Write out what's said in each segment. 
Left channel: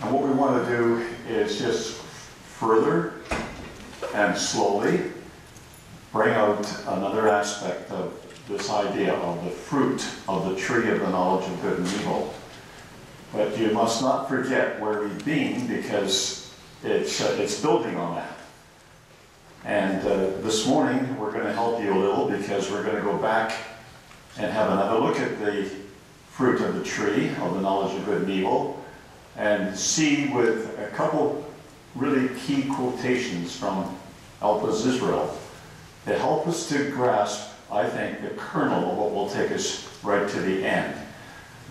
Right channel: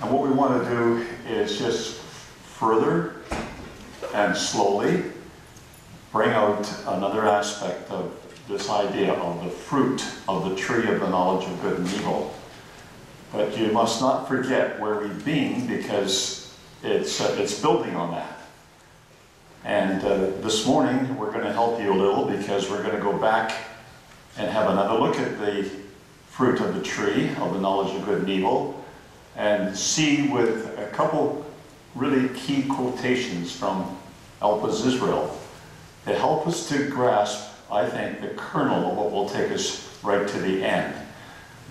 And what we want to do is just further and slowly bring out another aspect of this idea of the fruit of the tree of the knowledge of good and evil. But you must not forget where we've been, because it's building on that. And this morning we're going to help you a little, because we're going to go back and have another look at the fruit of the tree of the knowledge of good and evil, and see with a couple really key quotations from Elpha's Israel that help us to grasp, I think, the kernel of what will take us right to the end.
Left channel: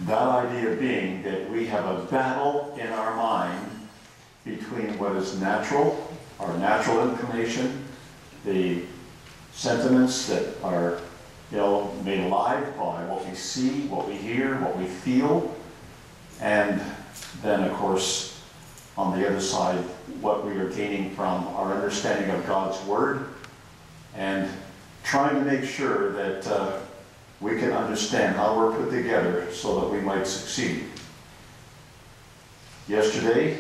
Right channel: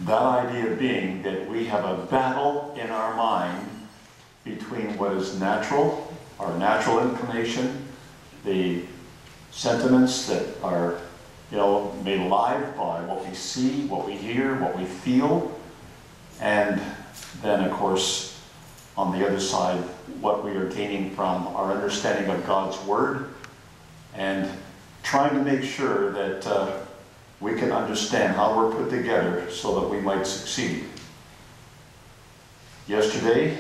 That idea being that we have a battle in our mind between what is natural, our natural inclination, the sentiments that are, made alive by what we see, what we hear, what we feel, and then, of course, on the other side, what we are gaining from our understanding of God's Word, and trying to make sure that we can understand how we're put together so that we might succeed. Yesterday,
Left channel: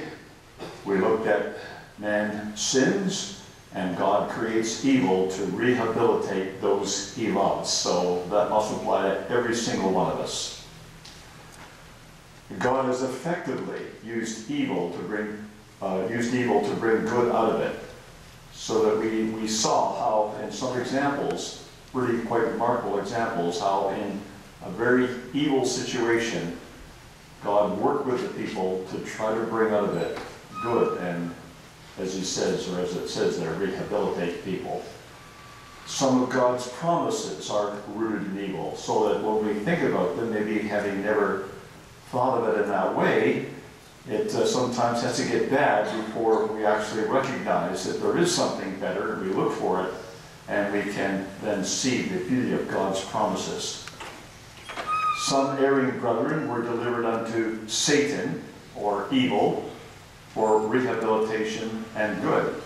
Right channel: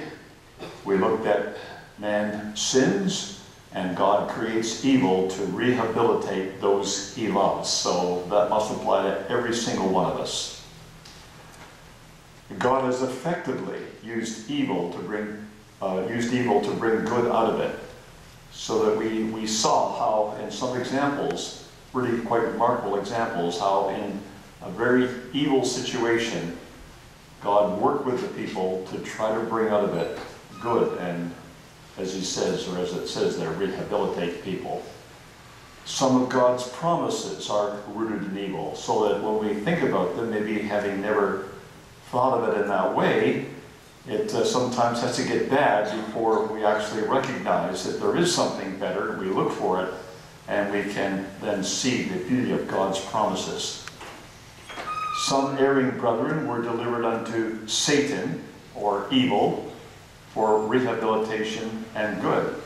we looked at man sins, and God creates evil to rehabilitate those he loves. So that must apply to every single one of us. God has effectively used evil to bring good out of it, so that we saw how, in some examples, really quite remarkable examples, how in a very evil situation, God worked with the people to try to bring out of it good, and as he says, or as it says there, rehabilitate people. Some of God's promises are rooted in evil, so that when we think about them, maybe having never thought of it in that way, it sometimes has to get bad before we actually recognize that there is something better. We look for it, and we can then see the beauty of God's promises. Some erring brethren were delivered unto Satan, or evil, for rehabilitation and good,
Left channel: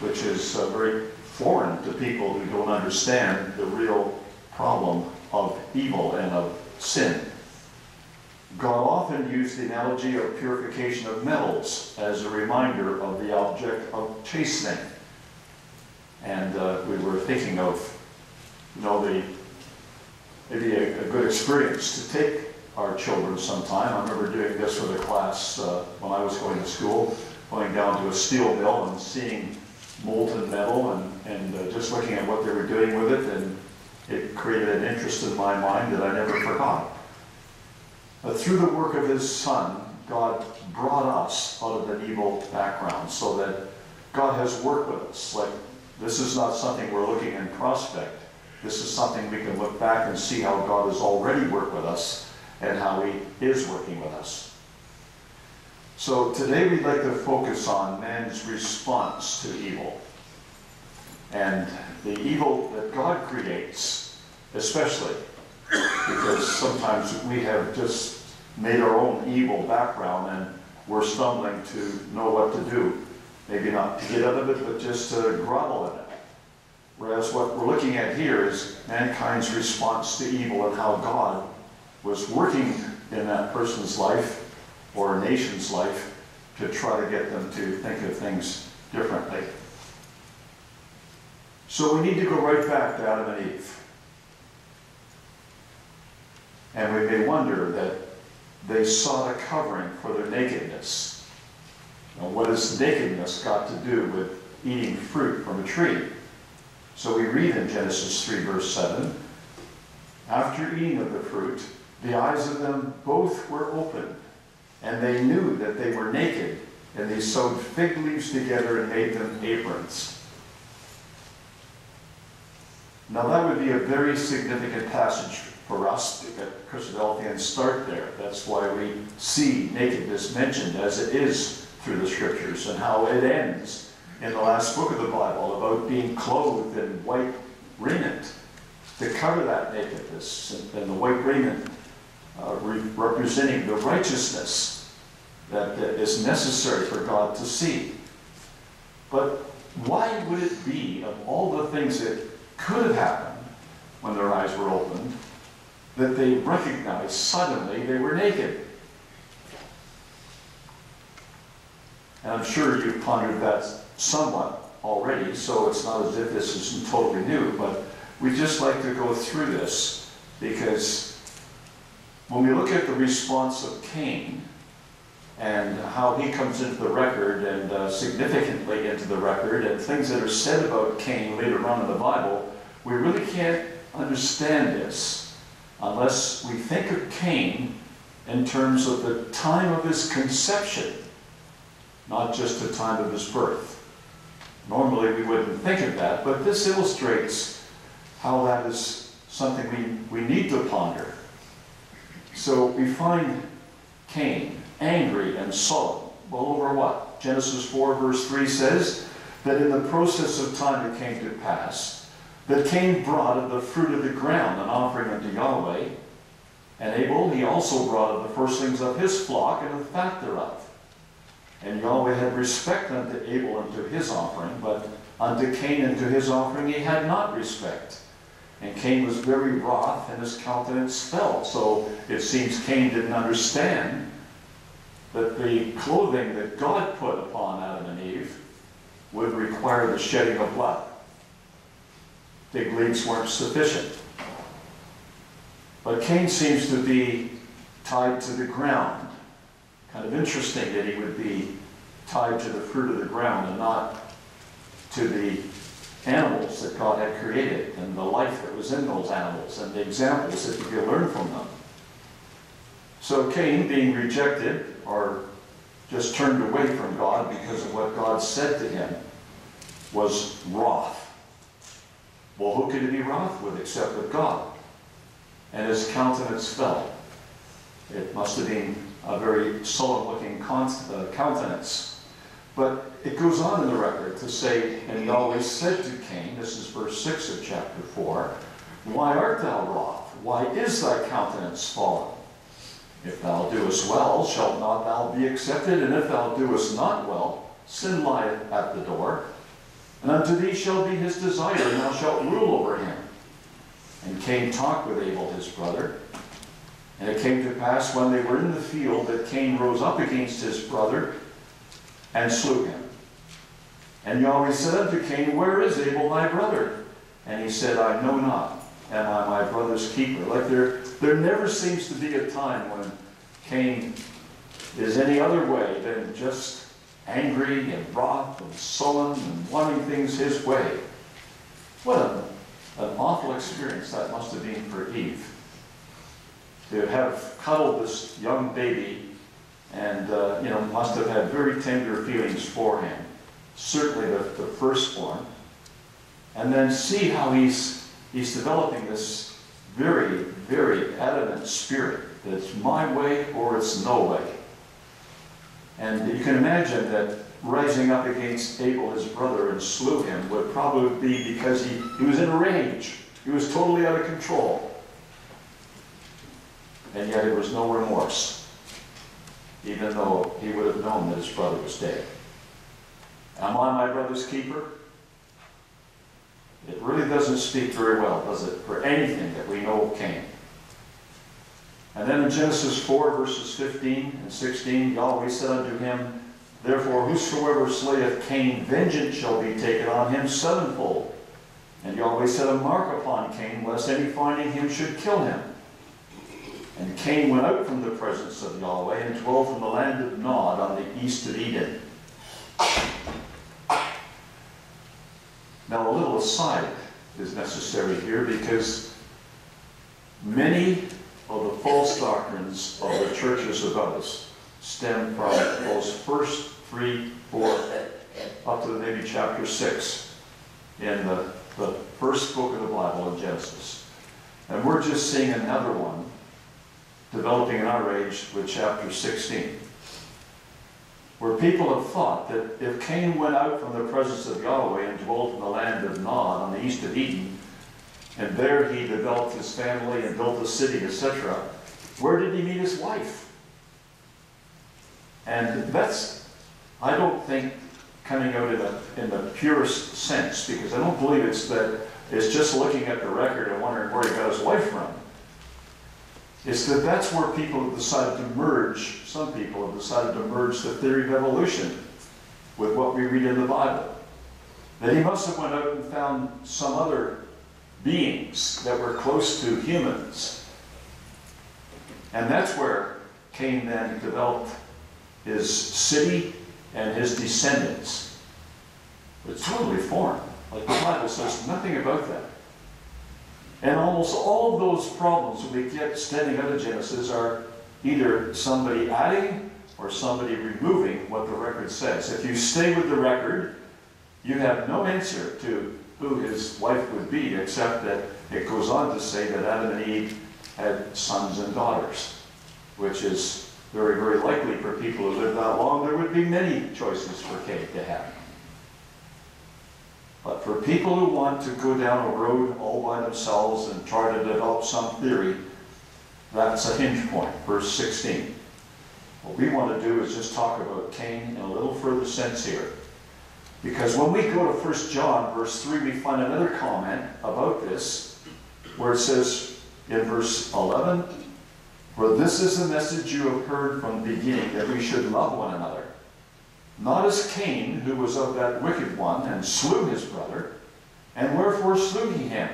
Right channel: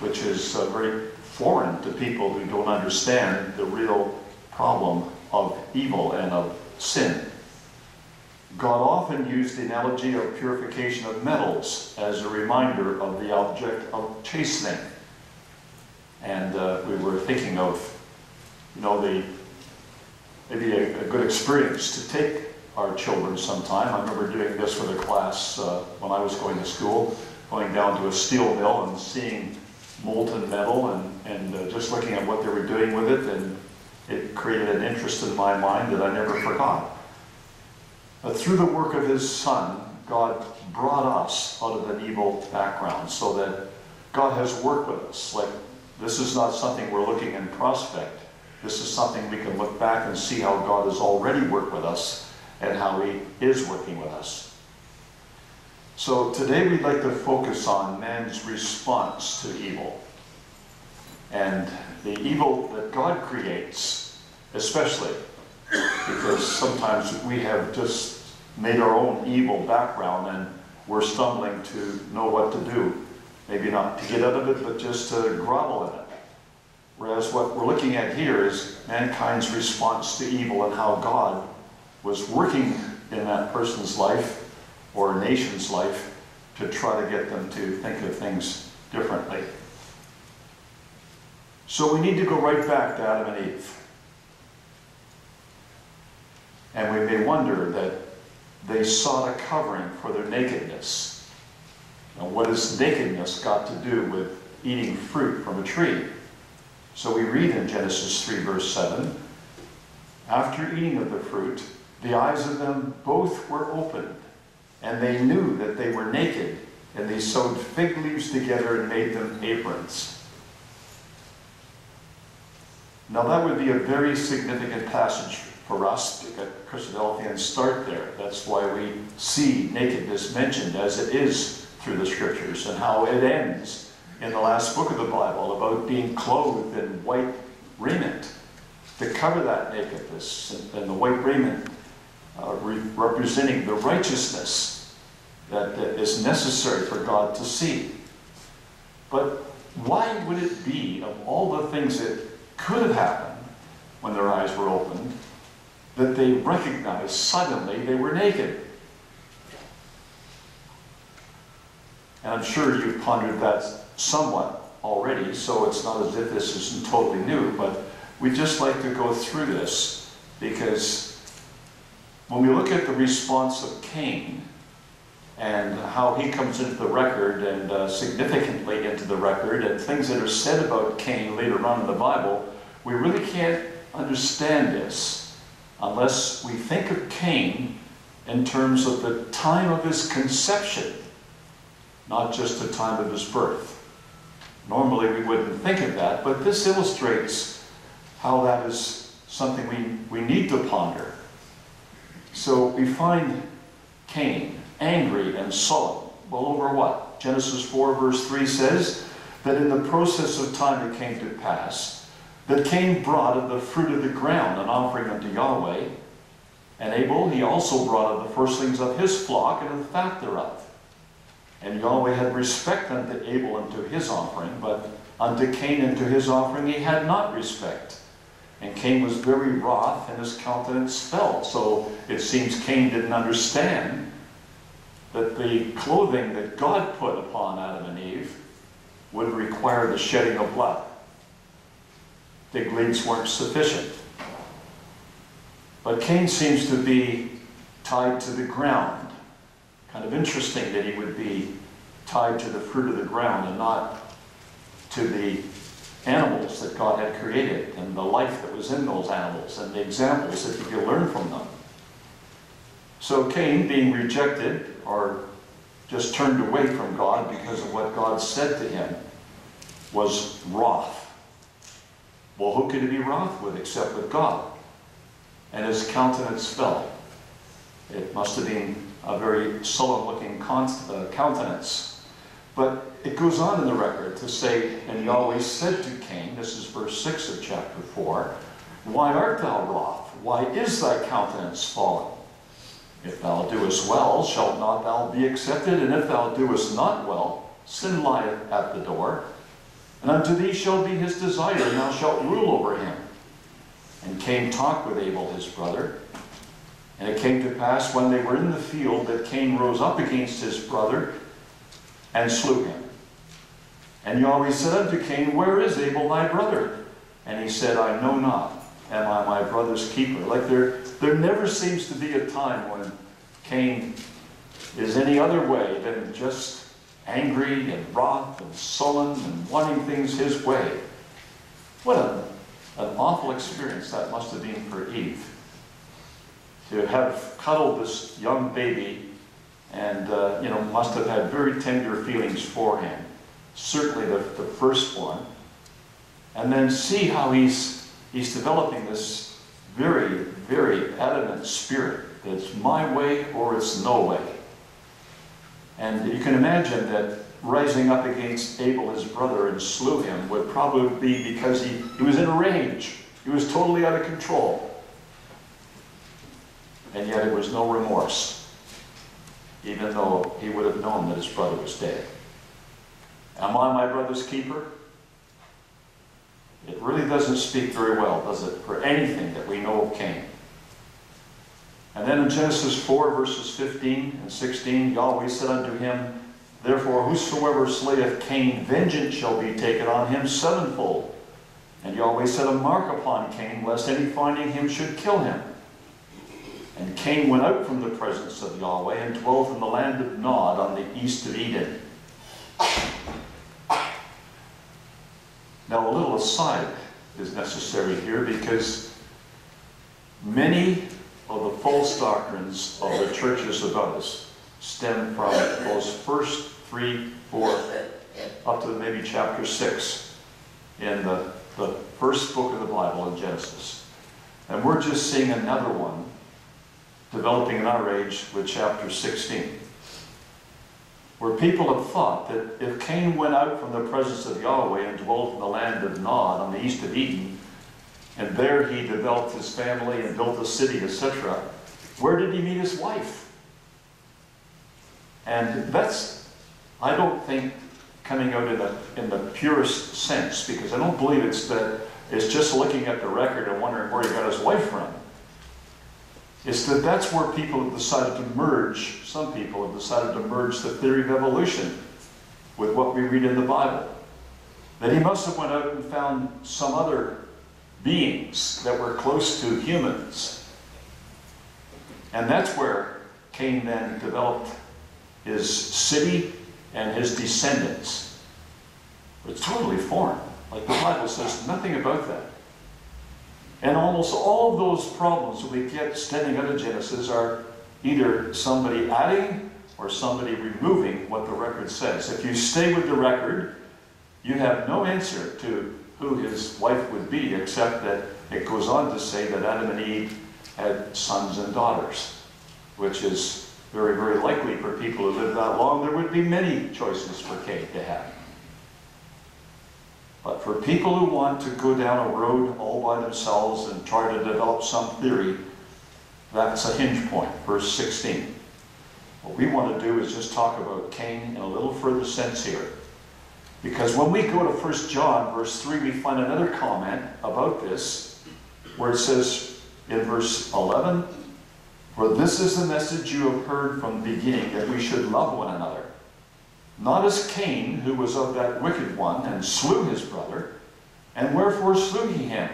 which is very foreign to people who don't understand the real problem of evil and of sin. God often used the analogy of purification of metals as a reminder of the object of chastening. And we were thinking of, maybe a good experience to take our children sometime. I remember doing this with a class when I was going to school, going down to a steel mill and seeing molten metal and just looking at what they were doing with it, and it created an interest in my mind that I never forgot. But through the work of his Son, God brought us out of an evil background, so that God has worked with us. Like, this is not something we're looking in prospect. This is something we can look back and see how God has already worked with us and how he is working with us. So today we'd like to focus on man's response to evil, and the evil that God creates, especially because sometimes we have just made our own evil background and we're stumbling to know what to do. Maybe not to get out of it, but just to grovel in it. Whereas what we're looking at here is mankind's response to evil, and how God was working in that person's life or a nation's life to try to get them to think of things differently. So we need to go right back to Adam and Eve. And we may wonder that they sought a covering for their nakedness. Now, what has nakedness got to do with eating fruit from a tree? So we read in Genesis 3 verse 7, after eating of the fruit, the eyes of them both were opened, and they knew that they were naked, and they sewed fig leaves together and made them aprons. Now that would be a very significant passage for us, because Christadelphians start there. That's why we see nakedness mentioned as it is through the scriptures, and how it ends in the last book of the Bible about being clothed in white raiment to cover that nakedness, and the white raiment representing the righteousness that is necessary for God to see. But why would it be, of all the things that could have happened when their eyes were opened, that they recognized suddenly they were naked? And I'm sure you've pondered that somewhat already, so it's not as if this isn't totally new, but we'd just like to go through this, because when we look at the response of Cain and how he comes into the record, and significantly into the record, and things that are said about Cain later on in the Bible, we really can't understand this unless we think of Cain in terms of the time of his conception, not just the time of his birth. Normally we wouldn't think of that, but this illustrates how that is something we need to ponder. So we find Cain angry and sullen. Well, over what? Genesis 4 verse 3 says that in the process of time it came to pass that Cain brought of the fruit of the ground an offering unto Yahweh, and Abel he also brought of the firstlings of his flock and of the fat thereof. And Yahweh had respect unto Abel and to his offering, but unto Cain and to his offering he had not respect. And Cain was very wroth, and his countenance fell. So it seems Cain didn't understand that the clothing that God put upon Adam and Eve would require the shedding of blood. Fig leaves weren't sufficient. But Cain seems to be tied to the ground. Kind of interesting that he would be tied to the fruit of the ground and not to the animals that God had created and the life that was in those animals and the examples that you could learn from them. So Cain, being rejected or just turned away from God because of what God said to him, was wroth. Well, who could he be wroth with except with God? And his countenance fell. It must have been a very sullen-looking countenance. But it goes on in the record to say, and Yahweh said to Cain, this is verse 6 of chapter 4, why art thou wroth? Why is thy countenance fallen? If thou doest well, shalt not thou be accepted? And if thou doest not well, sin lieth at the door. And unto thee shall be his desire, and thou shalt rule over him. And Cain talked with Abel his brother. And it came to pass when they were in the field that Cain rose up against his brother and slew him. And Yahweh said unto Cain, where is Abel thy brother? And he said, I know not. Am I my brother's keeper? Like there never seems to be a time when Cain is any other way than just angry and wroth and sullen and wanting things his way. What an awful experience that must have been for Eve, to have cuddled this young baby and must have had very tender feelings for him, certainly the firstborn, and then see how he's developing this very, very adamant spirit that it's my way or it's no way. And you can imagine that rising up against Abel, his brother, and slew him would probably be because he was in a rage. He was totally out of control. And yet it was no remorse, even though he would have known that his brother was dead. Am I my brother's keeper? It really doesn't speak very well, does it, for anything that we know of Cain. And then in Genesis 4, verses 15 and 16, Yahweh said unto him, therefore whosoever slayeth Cain, vengeance shall be taken on him sevenfold. And Yahweh set a mark upon Cain, lest any finding him should kill him. And Cain went out from the presence of Yahweh and dwelt in the land of Nod on the east of Eden. Now a little aside is necessary here, because many of the false doctrines of the churches of us stem from those first 3, 4, up to maybe chapter 6 in the first book of the Bible in Genesis. And we're just seeing another one developing in our age with chapter 16. Where people have thought that if Cain went out from the presence of Yahweh and dwelt in the land of Nod on the east of Eden, and there he developed his family and built a city, etc., where did he meet his wife? And that's, I don't think, coming out in the purest sense, because I don't believe it's just looking at the record and wondering where he got his wife from. It's that's where people have decided to merge, some people have decided to merge the theory of evolution with what we read in the Bible. That he must have went out and found some other beings that were close to humans. And that's where Cain then developed his city and his descendants. It's totally foreign. Like the Bible says nothing about that. And almost all of those problems that we get standing out of Genesis are either somebody adding or somebody removing what the record says. If you stay with the record, you have no answer to who his wife would be, except that it goes on to say that Adam and Eve had sons and daughters, which is very, very likely for people who live that long. There would be many choices for Cain to have. But for people who want to go down a road all by themselves and try to develop some theory, that's a hinge point, verse 16. What we want to do is just talk about Cain in a little further sense here. Because when we go to 1 John, verse 3, we find another comment about this, where it says in verse 11, "For this is the message you have heard from the beginning, that we should love one another. Not as Cain, who was of that wicked one, and slew his brother. And wherefore slew he him?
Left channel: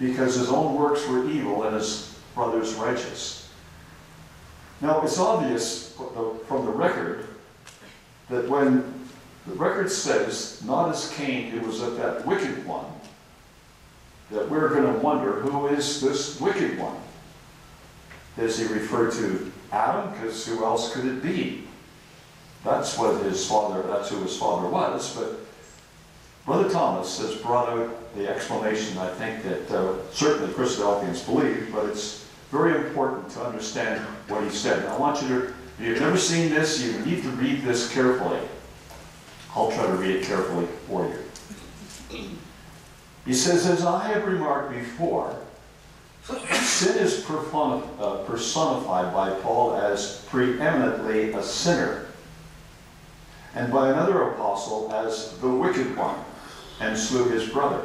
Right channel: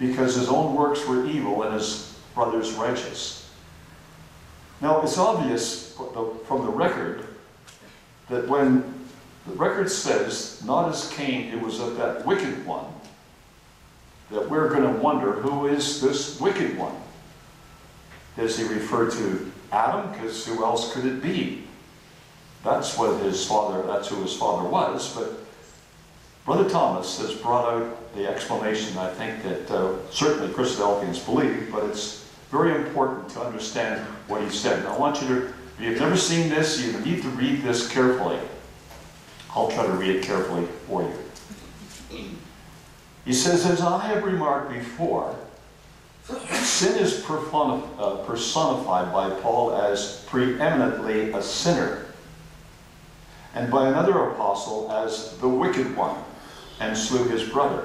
Because his own works were evil, and his brother's righteous." Now, it's obvious from the record that when the record says, "not as Cain, who was of that wicked one," that we're going to wonder, who is this wicked one? Does he refer to Adam? Because who else could it be? That's who his father was. But Brother Thomas has brought out the explanation, I think, that certainly Christadelphians believe, but it's very important to understand what he said. Now, I want you to, if you've never seen this, you need to read this carefully. I'll try to read it carefully for you. He says, "As I have remarked before, sin is personified by Paul as preeminently a sinner, and by another apostle as the wicked one, and slew his brother.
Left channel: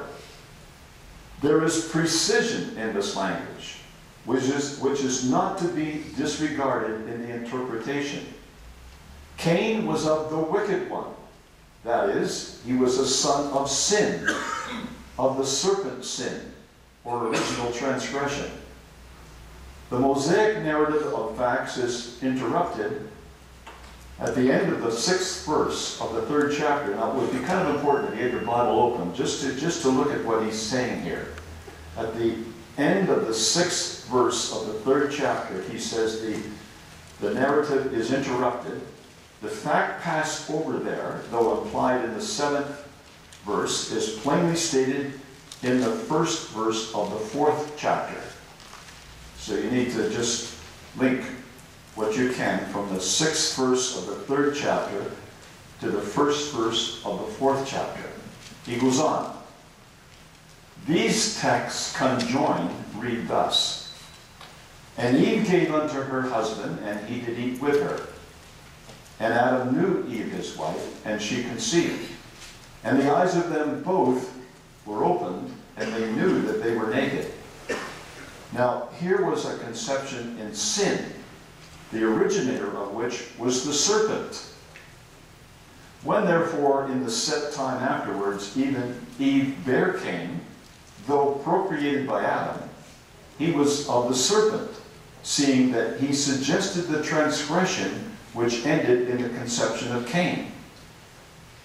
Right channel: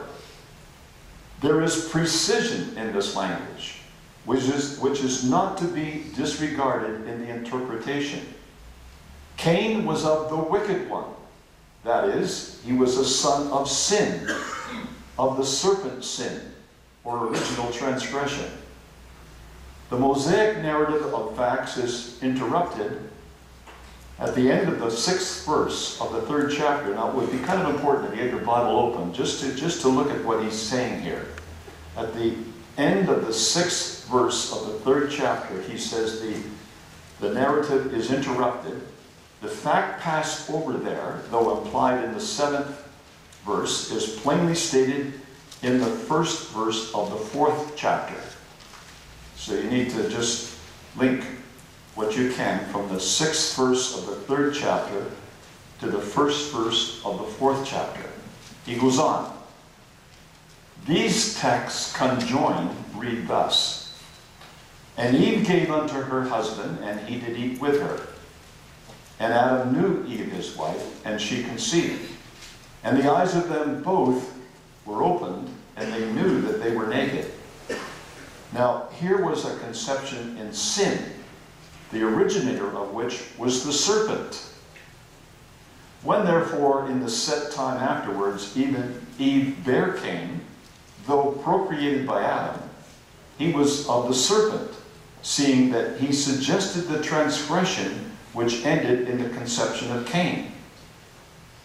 There is precision in this language, which is not to be disregarded in the interpretation. Cain was of the wicked one. That is, he was a son of sin, of the serpent's sin, or original transgression. The Mosaic narrative of facts is interrupted at the end of the 6th verse of the 3rd chapter. Now, it would be kind of important if you had your Bible open, just to look at what he's saying here. At the end of the 6th verse of the 3rd chapter, he says the narrative is interrupted. The fact passed over there, though implied in the 7th verse, is plainly stated in the 1st verse of the 4th chapter. So you need to just link what you can from the 6th verse of the 3rd chapter to the 1st verse of the 4th chapter. He goes on. These texts conjoined read thus: "And Eve gave unto her husband, and he did eat with her. And Adam knew Eve his wife, and she conceived. And the eyes of them both were opened, and they knew that they were naked." Now, here was a conception in sin, the originator of which was the serpent. When, therefore, in the set time afterwards, even Eve bare Cain, though procreated by Adam, he was of the serpent, seeing that he suggested the transgression which ended in the conception of Cain.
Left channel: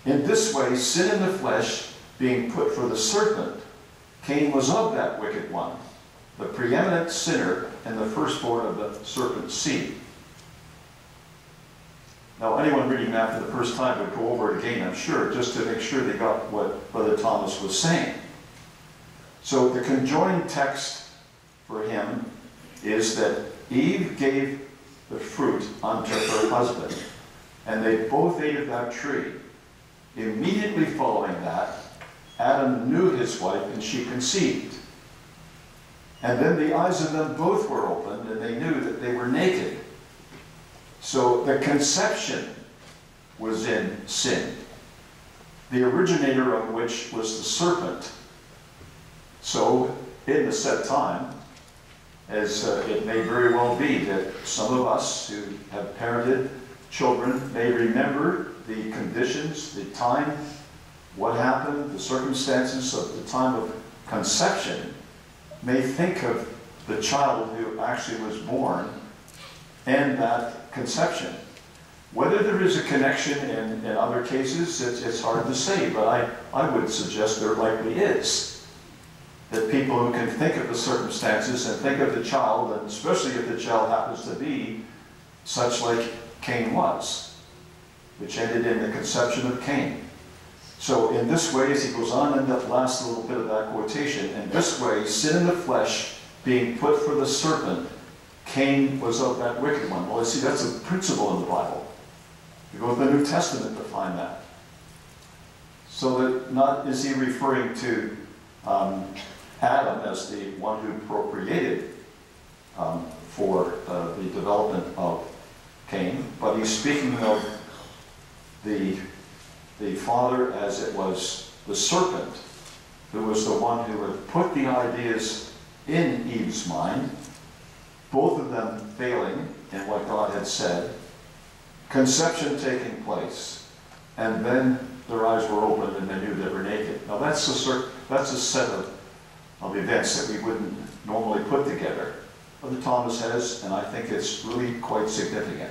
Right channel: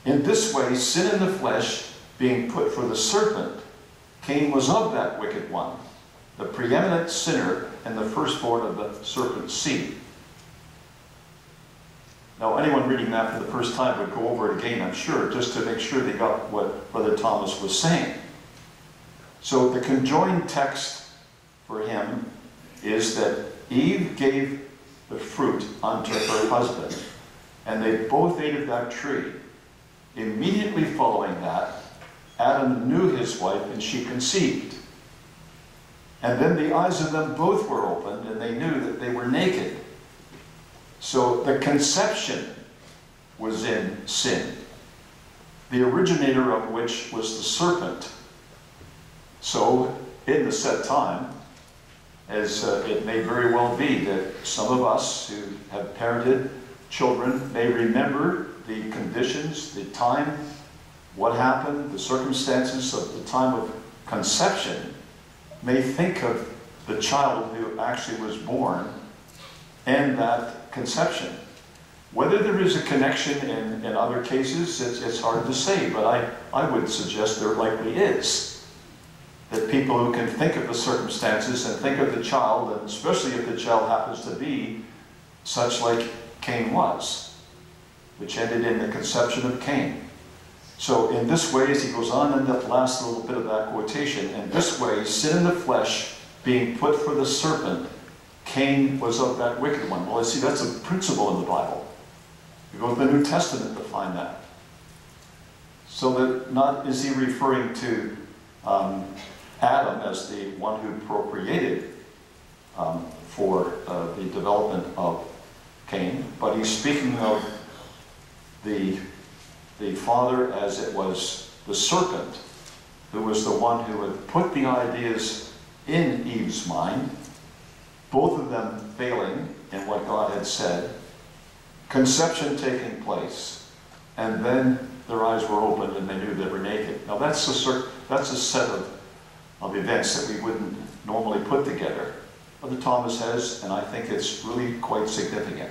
In this way, sin in the flesh being put for the serpent, Cain was of that wicked one, the preeminent sinner and the firstborn of the serpent's seed. Now, anyone reading that for the first time would go over it again, I'm sure, just to make sure they got what Brother Thomas was saying. So the conjoined text for him is that Eve gave the fruit unto her husband, and they both ate of that tree. Immediately following that, Adam knew his wife, and she conceived. And then the eyes of them both were opened, and they knew that they were naked. So the conception was in sin, the originator of which was the serpent. So in the set time, as it may very well be that some of us who have parented children may remember the conditions, the time, what happened, the circumstances of the time of conception, may think of the child who actually was born and that conception. Whether there is a connection in other cases, it's hard to say, but I would suggest there likely is. That people who can think of the circumstances and think of the child, and especially if the child happens to be such like Cain was, which ended in the conception of Cain. So in this way, as he goes on in the last little bit of that quotation, in this way, sin in the flesh being put for the serpent, Cain was of that wicked one. Well, I see that's a principle in the Bible. You go to the New Testament to find that. So that not is he referring to Adam as the one who procreated for the development of Cain, but he's speaking of the father as it was the serpent, who was the one who had put the ideas in Eve's mind, both of them failing in what God had said, conception taking place, and then their eyes were opened and they knew they were naked. Now that's a set of events that we wouldn't normally put together. Brother Thomas has, and I think it's really quite significant.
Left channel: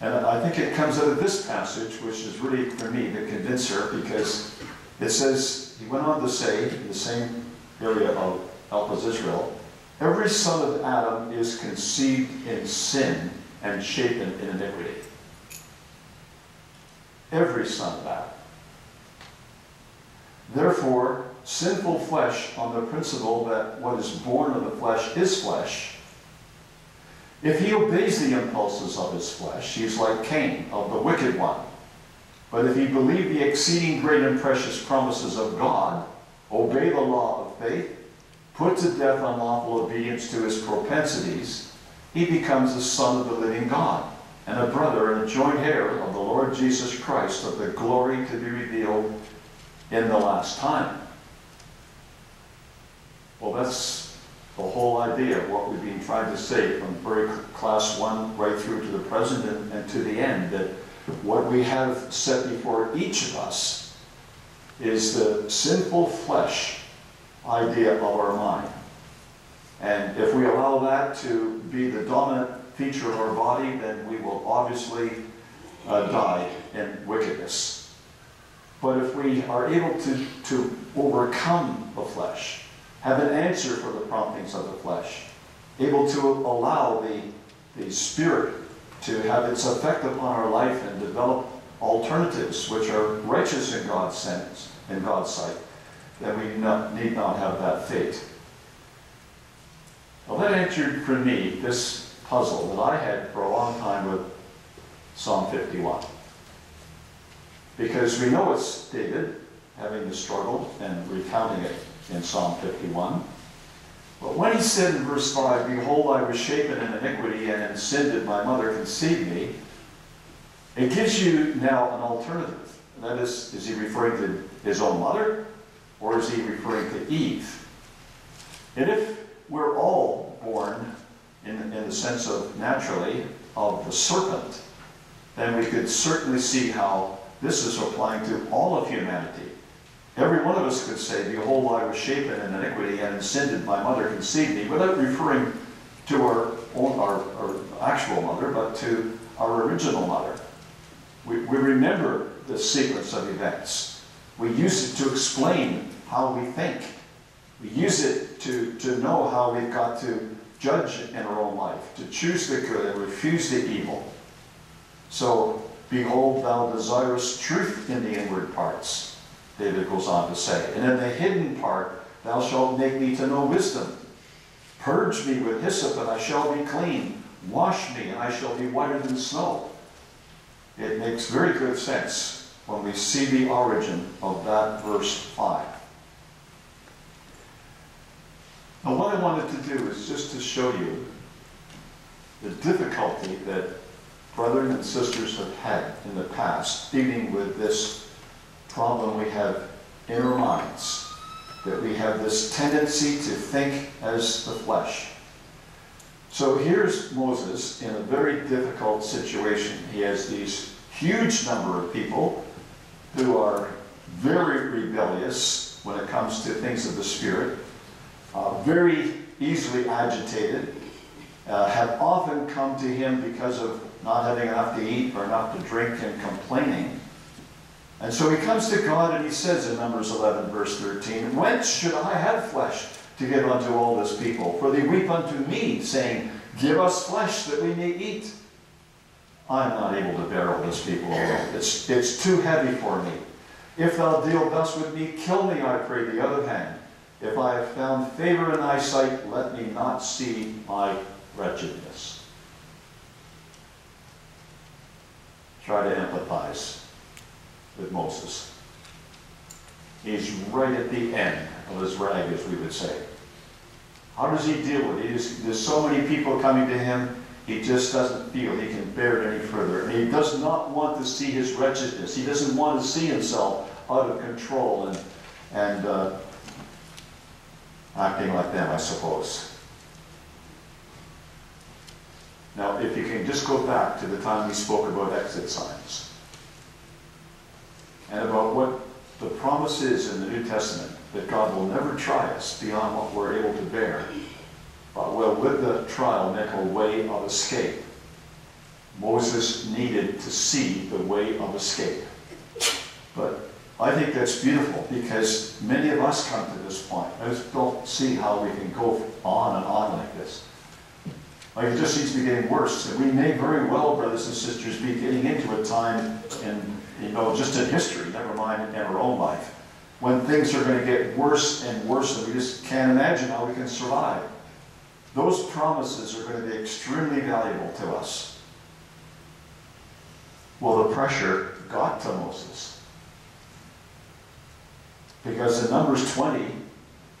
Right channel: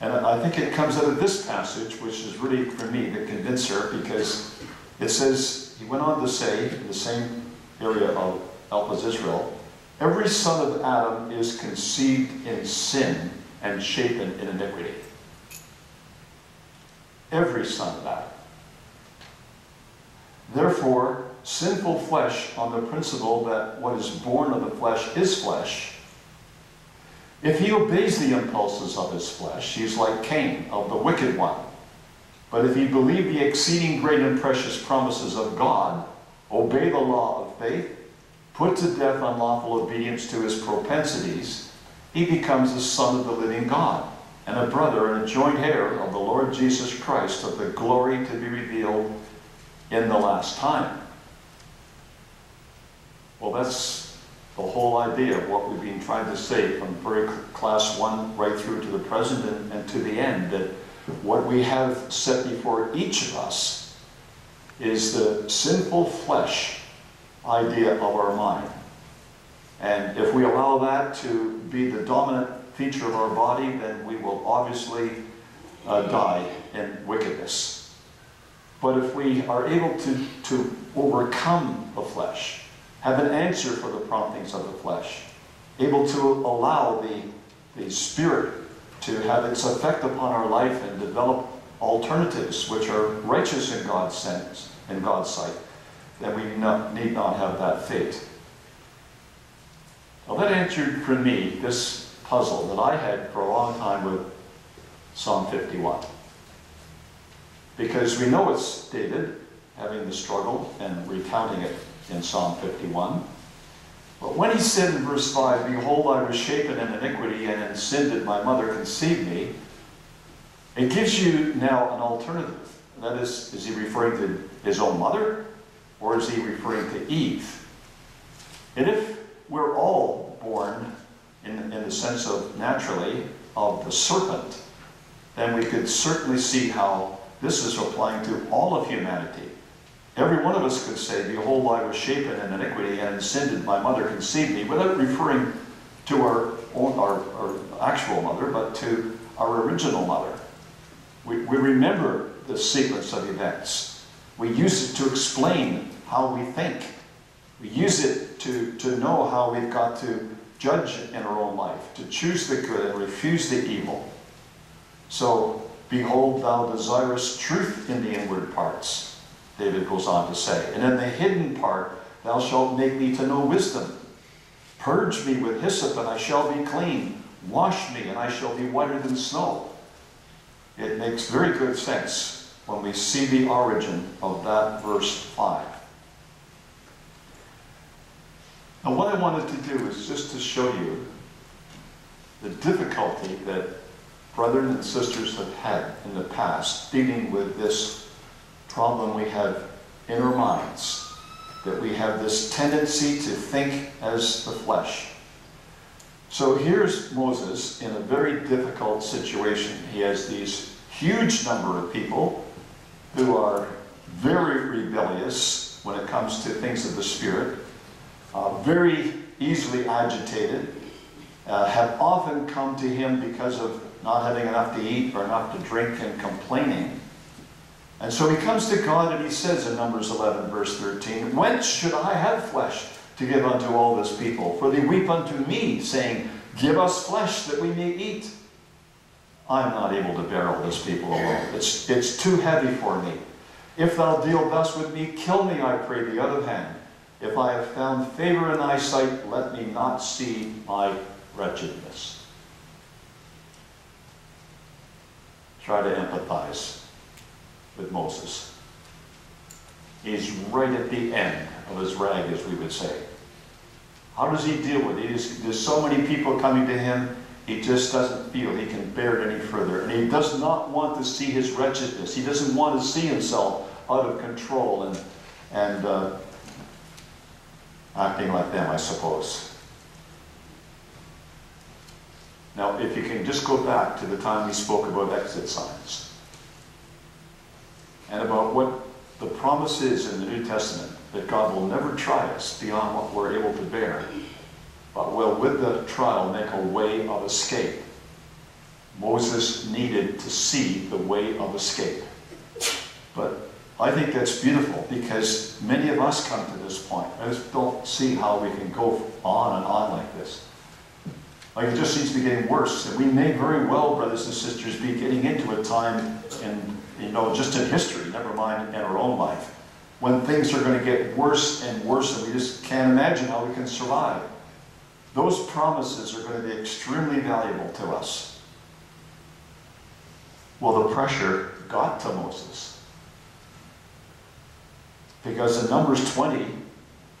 And I think it comes out of this passage, which is really, for me, the convincer, because it says, he went on to say, in the same area of Elpis Israel, every son of Adam is conceived in sin and shapen in iniquity. Every son of Adam. Therefore, sinful flesh, on the principle that what is born of the flesh is flesh, if he obeys the impulses of his flesh, he is like Cain, of the wicked one. But if he believe the exceeding great and precious promises of God, obey the law of faith, put to death unlawful obedience to his propensities, he becomes the son of the living God, and a brother and a joint heir of the Lord Jesus Christ, of the glory to be revealed in the last time. Well, that's the whole idea of what we've been trying to say from very class 1 right through to the present and to the end, that what we have set before each of us is the sinful flesh idea of our mind. And if we allow that to be the dominant feature of our body, then we will obviously die in wickedness. But if we are able to overcome the flesh, have an answer for the promptings of the flesh, able to allow the Spirit to have its effect upon our life and develop alternatives which are righteous in God's sense, in God's sight, then we need not have that fate. Well, that answered for me this puzzle that I had for a long time with Psalm 51. Because we know it's David having the struggle and recounting it in Psalm 51. But when he said in verse 5, behold, I was shapen in iniquity, and in sin did my mother conceive me, it gives you now an alternative. That is he referring to his own mother, or is he referring to Eve? And if we're all born, in the sense of naturally, of the serpent, then we could certainly see how this is applying to all of humanity. Every one of us could say, behold, I was shapen in iniquity, and in sin did my mother conceive me, without referring to our actual mother, but to our original mother. We remember the sequence of events. We use it to explain how we think. We use it to know how we've got to judge in our own life, to choose the good and refuse the evil. So, behold, thou desirest truth in the inward parts, David goes on to say, and in the hidden part thou shalt make me to know wisdom. Purge me with hyssop, and I shall be clean. Wash me, and I shall be whiter than snow. It makes very good sense when we see the origin of that verse 5. Now, what I wanted to do is just to show you the difficulty that brothers and sisters have had in the past dealing with this problem we have in our minds, that we have this tendency to think as the flesh. So here's Moses in a very difficult situation. He has these huge number of people who are very rebellious when it comes to things of the Spirit, very easily agitated, have often come to him because of not having enough to eat or enough to drink and complaining. And so he comes to God and he says in Numbers 11, verse 13, "Whence should I have flesh to give unto all this people? For they weep unto me, saying, Give us flesh that we may eat. I am not able to bear all this people alone. It's too heavy for me. If thou deal thus with me, kill me, I pray thee, other hand. If I have found favor in thy sight, let me not see my wretchedness." Try to empathize with Moses. He's right at the end of his rag, as we would say. How does he deal with it? There's so many people coming to him, he just doesn't feel he can bear it any further. And he does not want to see his wretchedness. He doesn't want to see himself out of control and acting like them, I suppose. Now, if you can just go back to the time we spoke about exit signs and about what the promise is in the New Testament, that God will never try us beyond what we're able to bear, but will, with the trial, make a way of escape. Moses needed to see the way of escape. But I think that's beautiful, because many of us come to this point. I just don't see how we can go on and on like this. Like, it just seems to be getting worse. And we may very well, brothers and sisters, be getting into a time in, just in history, never mind in our own life, when things are going to get worse and worse, and we just can't imagine how we can survive. Those promises are going to be extremely valuable to us. Well, the pressure got to Moses. Because in Numbers 20,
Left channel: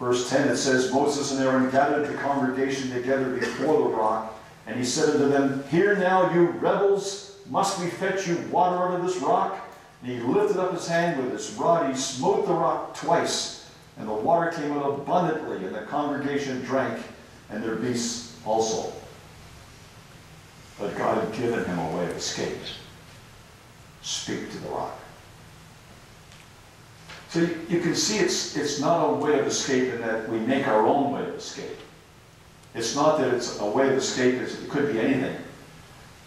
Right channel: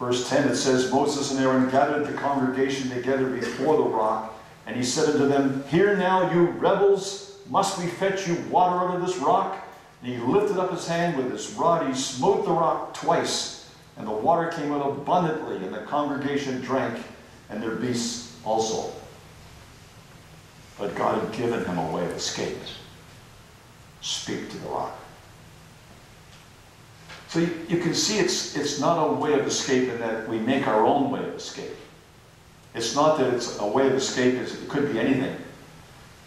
verse 10, it says, "Moses and Aaron gathered the congregation together before the rock, and he said unto them, Hear now, you rebels, must we fetch you water out of this rock? And he lifted up his hand with his rod, he smote the rock twice, and the water came out abundantly, and the congregation drank, and their beasts also." But God had given him a way of escape. Speak to the rock. So you can see it's not a way of escape in that we make our own way of escape. It's not that it's a way of escape, it could be anything.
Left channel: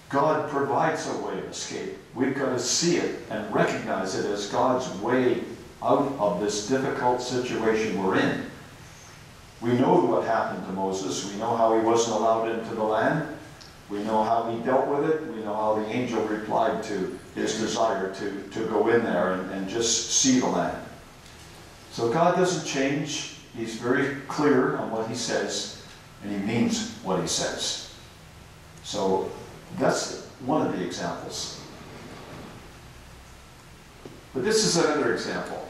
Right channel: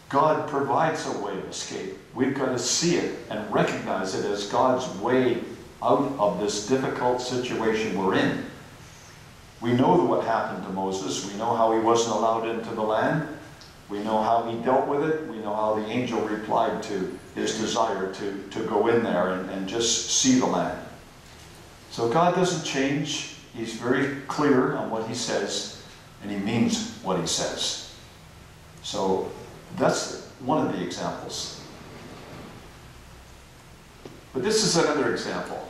God provides a way of escape. We've got to see it and recognize it as God's way out of this difficult situation we're in. We know what happened to Moses. We know how he wasn't allowed into the land. We know how he dealt with it. We know how the angel replied to his desire to go in there and just see the land. So God doesn't change. He's very clear on what he says, and he means what he says. So that's one of the examples. But this is another example.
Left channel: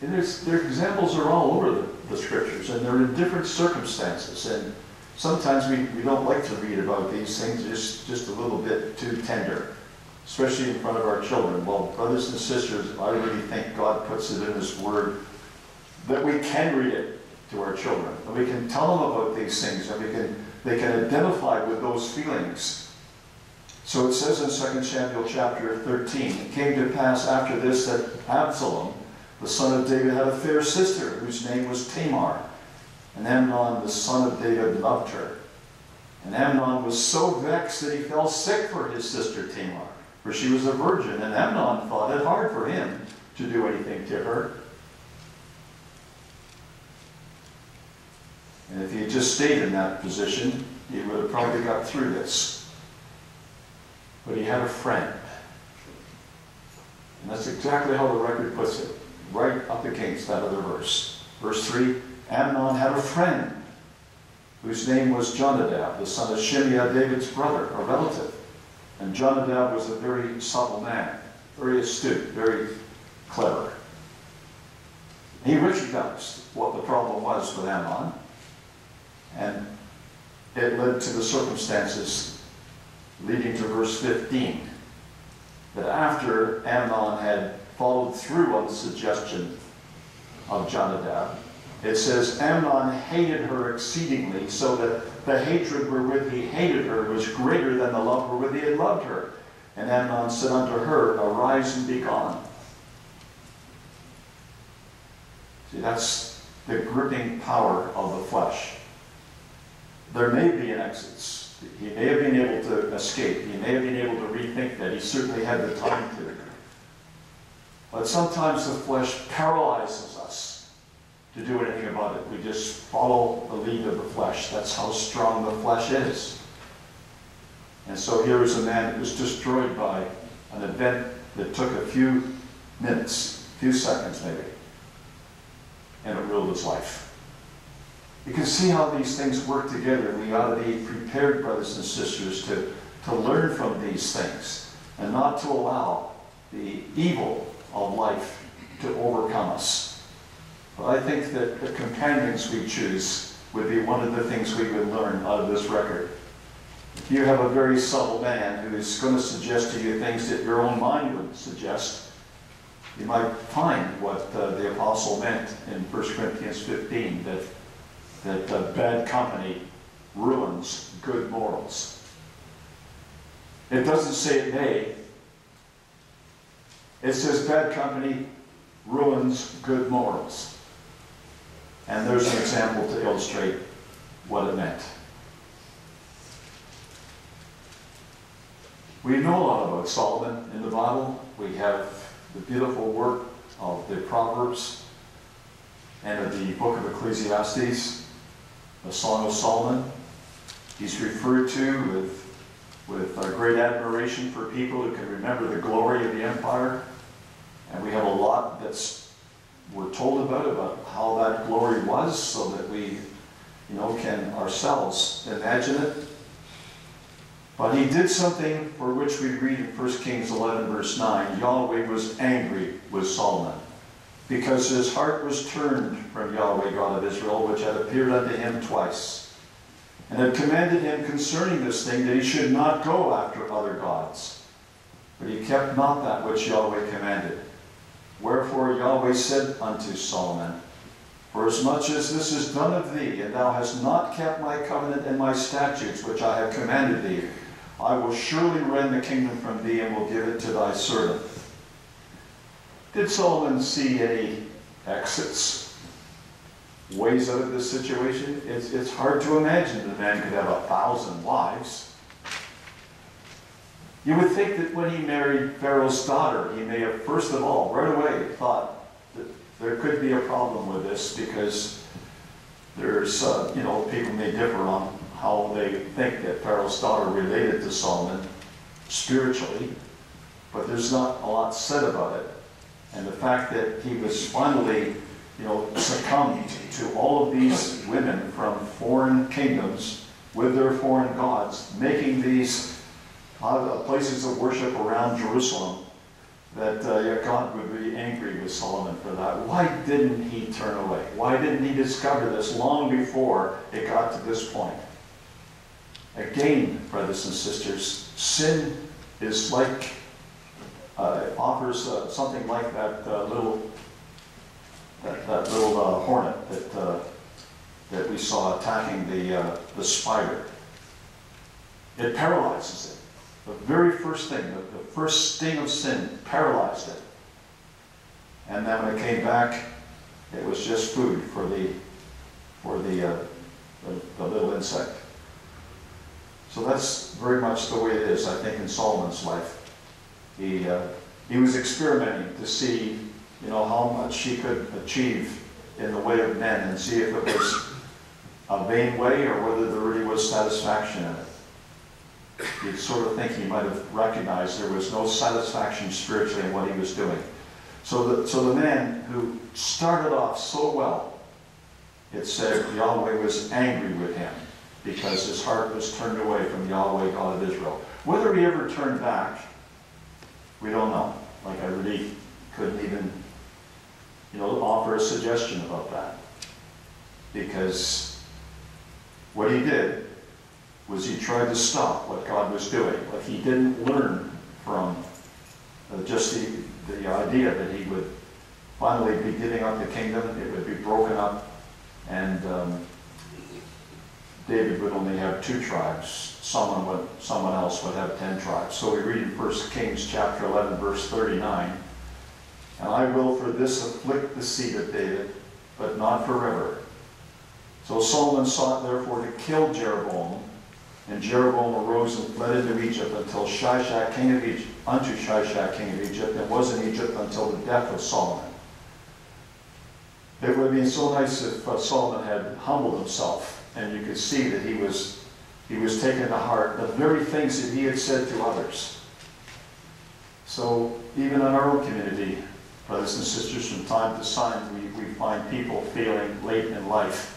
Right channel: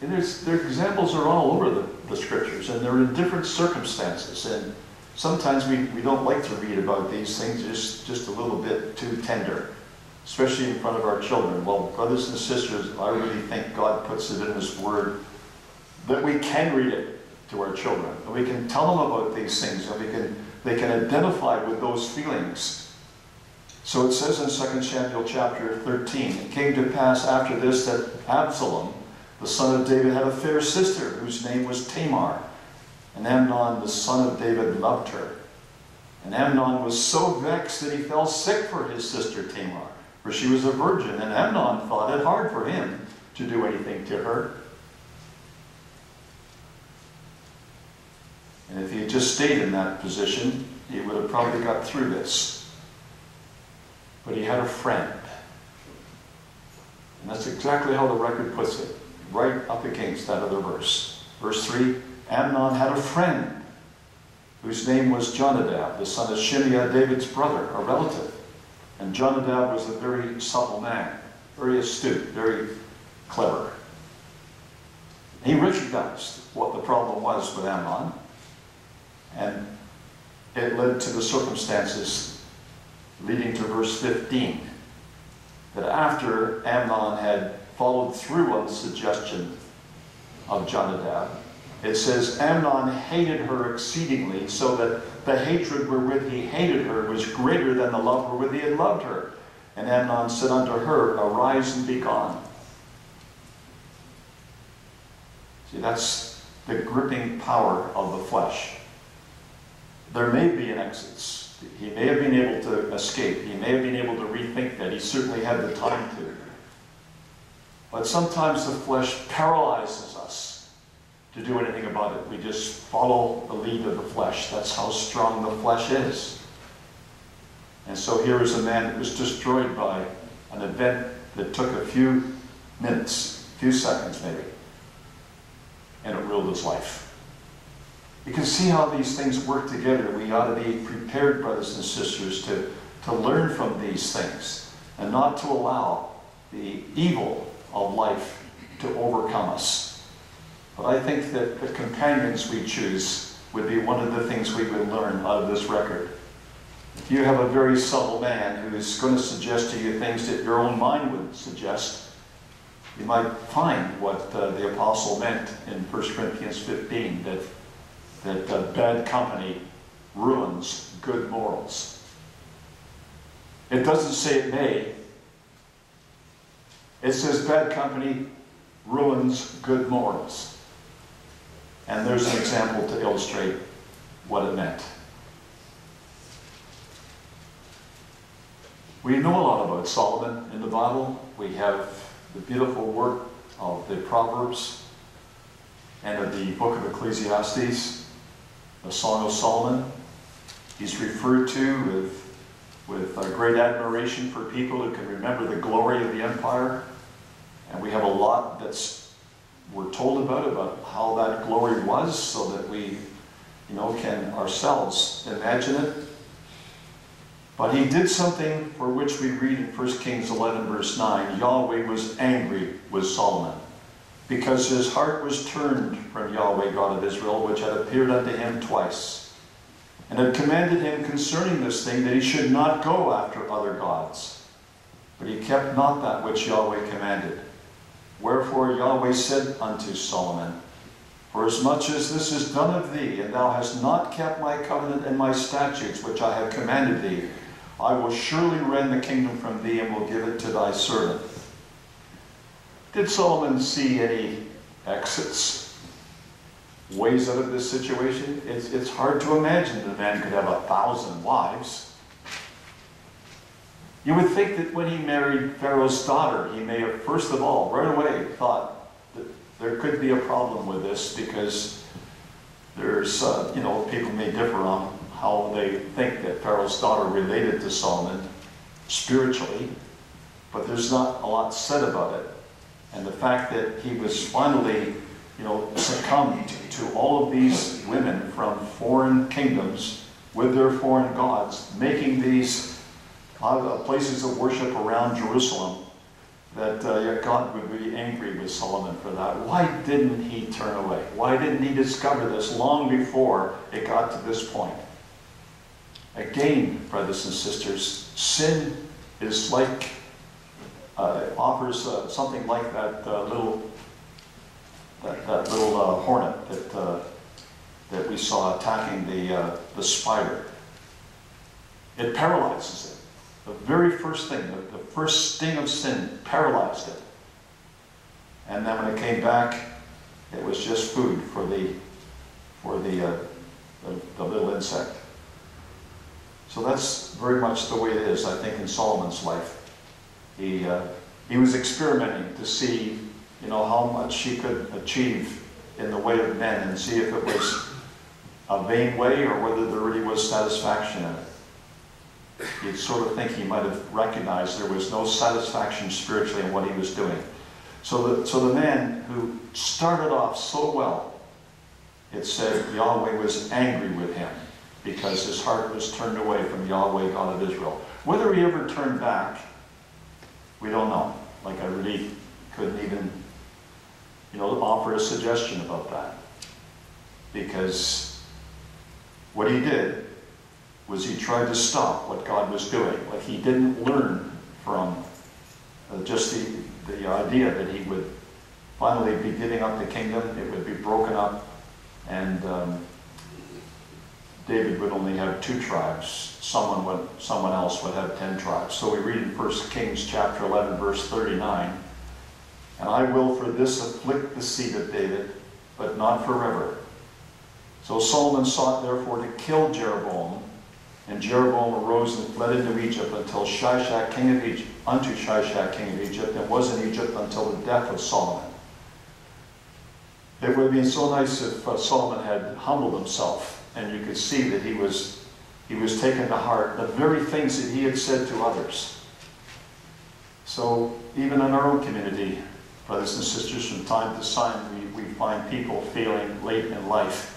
And their examples are all over the scriptures, and they're in different circumstances. And sometimes we don't like to read about these things. It's just a little bit too tender, especially in front of our children. Well, brothers and sisters, I really think God puts it in his word that we can read it to our children, and we can tell them about these things, and they can identify with those feelings. So it says in 2 Samuel chapter 13, "It came to pass after this that Absalom, the son of David, had a fair sister whose name was Tamar. And Amnon, the son of David, loved her. And Amnon was so vexed that he fell sick for his sister Tamar, for she was a virgin, and Amnon thought it hard for him to do anything to her." And if he had just stayed in that position, he would have probably got through this. But he had a friend. And that's exactly how the record puts it, right up against that other verse. Verse 3, "Amnon had a friend whose name was Jonadab, the son of Shimeah, David's brother, a relative. And Jonadab was a very subtle man, very astute, very clever. He recognized what the problem was with Amnon, and it led to the circumstances leading to verse 15, that after Amnon had followed through on the suggestion of Jonadab, it says, "Amnon hated her exceedingly, so that the hatred wherewith he hated her was greater than the love wherewith he had loved her. And Amnon said unto her, Arise and be gone. See, that's the gripping power of the flesh. There may be an exit. He may have been able to escape. He may have been able to rethink that. He certainly had the time to. But sometimes the flesh paralyzes us to do anything about it. We just follow the lead of the flesh. That's how strong the flesh is. And so here is a man that was destroyed by an event that took a few minutes, a few seconds maybe, and it ruled his life. You can see how these things work together. We ought to be prepared, brothers and sisters, to learn from these things and not to allow the evil of life to overcome us. But I think that the companions we choose would be one of the things we would learn out of this record. If you have a very subtle man who is going to suggest to you things that your own mind would suggest, you might find what the apostle meant in 1 Corinthians 15, that bad company ruins good morals. It doesn't say it may. It says bad company ruins good morals. And there's an example to illustrate what it meant. We know a lot about Solomon in the Bible. We have the beautiful work of the Proverbs and of the book of Ecclesiastes, the Song of Solomon. He's referred to with great admiration for people who can remember the glory of the empire. And we have a lot we're told about how that glory was, so that we, can ourselves imagine it. But he did something for which we read in 1 Kings 11, verse 9. Yahweh was angry with Solomon, because his heart was turned from Yahweh, God of Israel, which had appeared unto him twice, and had commanded him concerning this thing, that he should not go after other gods. But he kept not that which Yahweh commanded. Wherefore Yahweh said unto Solomon, Forasmuch as this is done of thee, and thou hast not kept my covenant and my statutes, which I have commanded thee, I will surely rend the kingdom from thee, and will give it to thy servant. Did Solomon see any exits, ways out of this situation? It's hard to imagine that a man could have 1,000 wives. You would think that when he married Pharaoh's daughter, he may have, first of all, right away thought that there could be a problem with this, because there's, people may differ on how they think that Pharaoh's daughter related to Solomon spiritually, but there's not a lot said about it. And the fact that he was finally, succumbed to all of these women from foreign kingdoms with their foreign gods, making these places of worship around Jerusalem, that God would be angry with Solomon for that. Why didn't he turn away? Why didn't he discover this long before it got to this point? Again, brothers and sisters, sin is like, offers something like that little hornet that we saw attacking the spider. It paralyzes it. The very first thing, the first sting of sin paralyzed it. And then when it came back, it was just food for the little insect. So that's very much the way it is, I think, in Solomon's life. He was experimenting to see, how much he could achieve in the way of men, and see if it was a vain way or whether there really was satisfaction in it. You'd sort of think he might have recognized there was no satisfaction spiritually in what he was doing. So the man who started off so well, it said Yahweh was angry with him because his heart was turned away from Yahweh, God of Israel. Whether he ever turned back, we don't know. Like, I really couldn't even, offer a suggestion about that. Because what he did was he tried to stop what God was doing. Like, he didn't learn from just the idea that he would finally be giving up the kingdom, it would be broken up, and David would only have 2 tribes. Someone else would have 10 tribes. So we read in 1 Kings chapter 11, verse 39, "And I will for this afflict the seed of David, but not forever." So Solomon sought therefore to kill Jeroboam, and Jeroboam arose and fled into Egypt unto Shishak king of Egypt, and was in Egypt until the death of Solomon. It would have been so nice if Solomon had humbled himself, and you could see that he was taking to heart the very things that he had said to others. So even in our own community, brothers and sisters, from time to time we find people feeling late in life.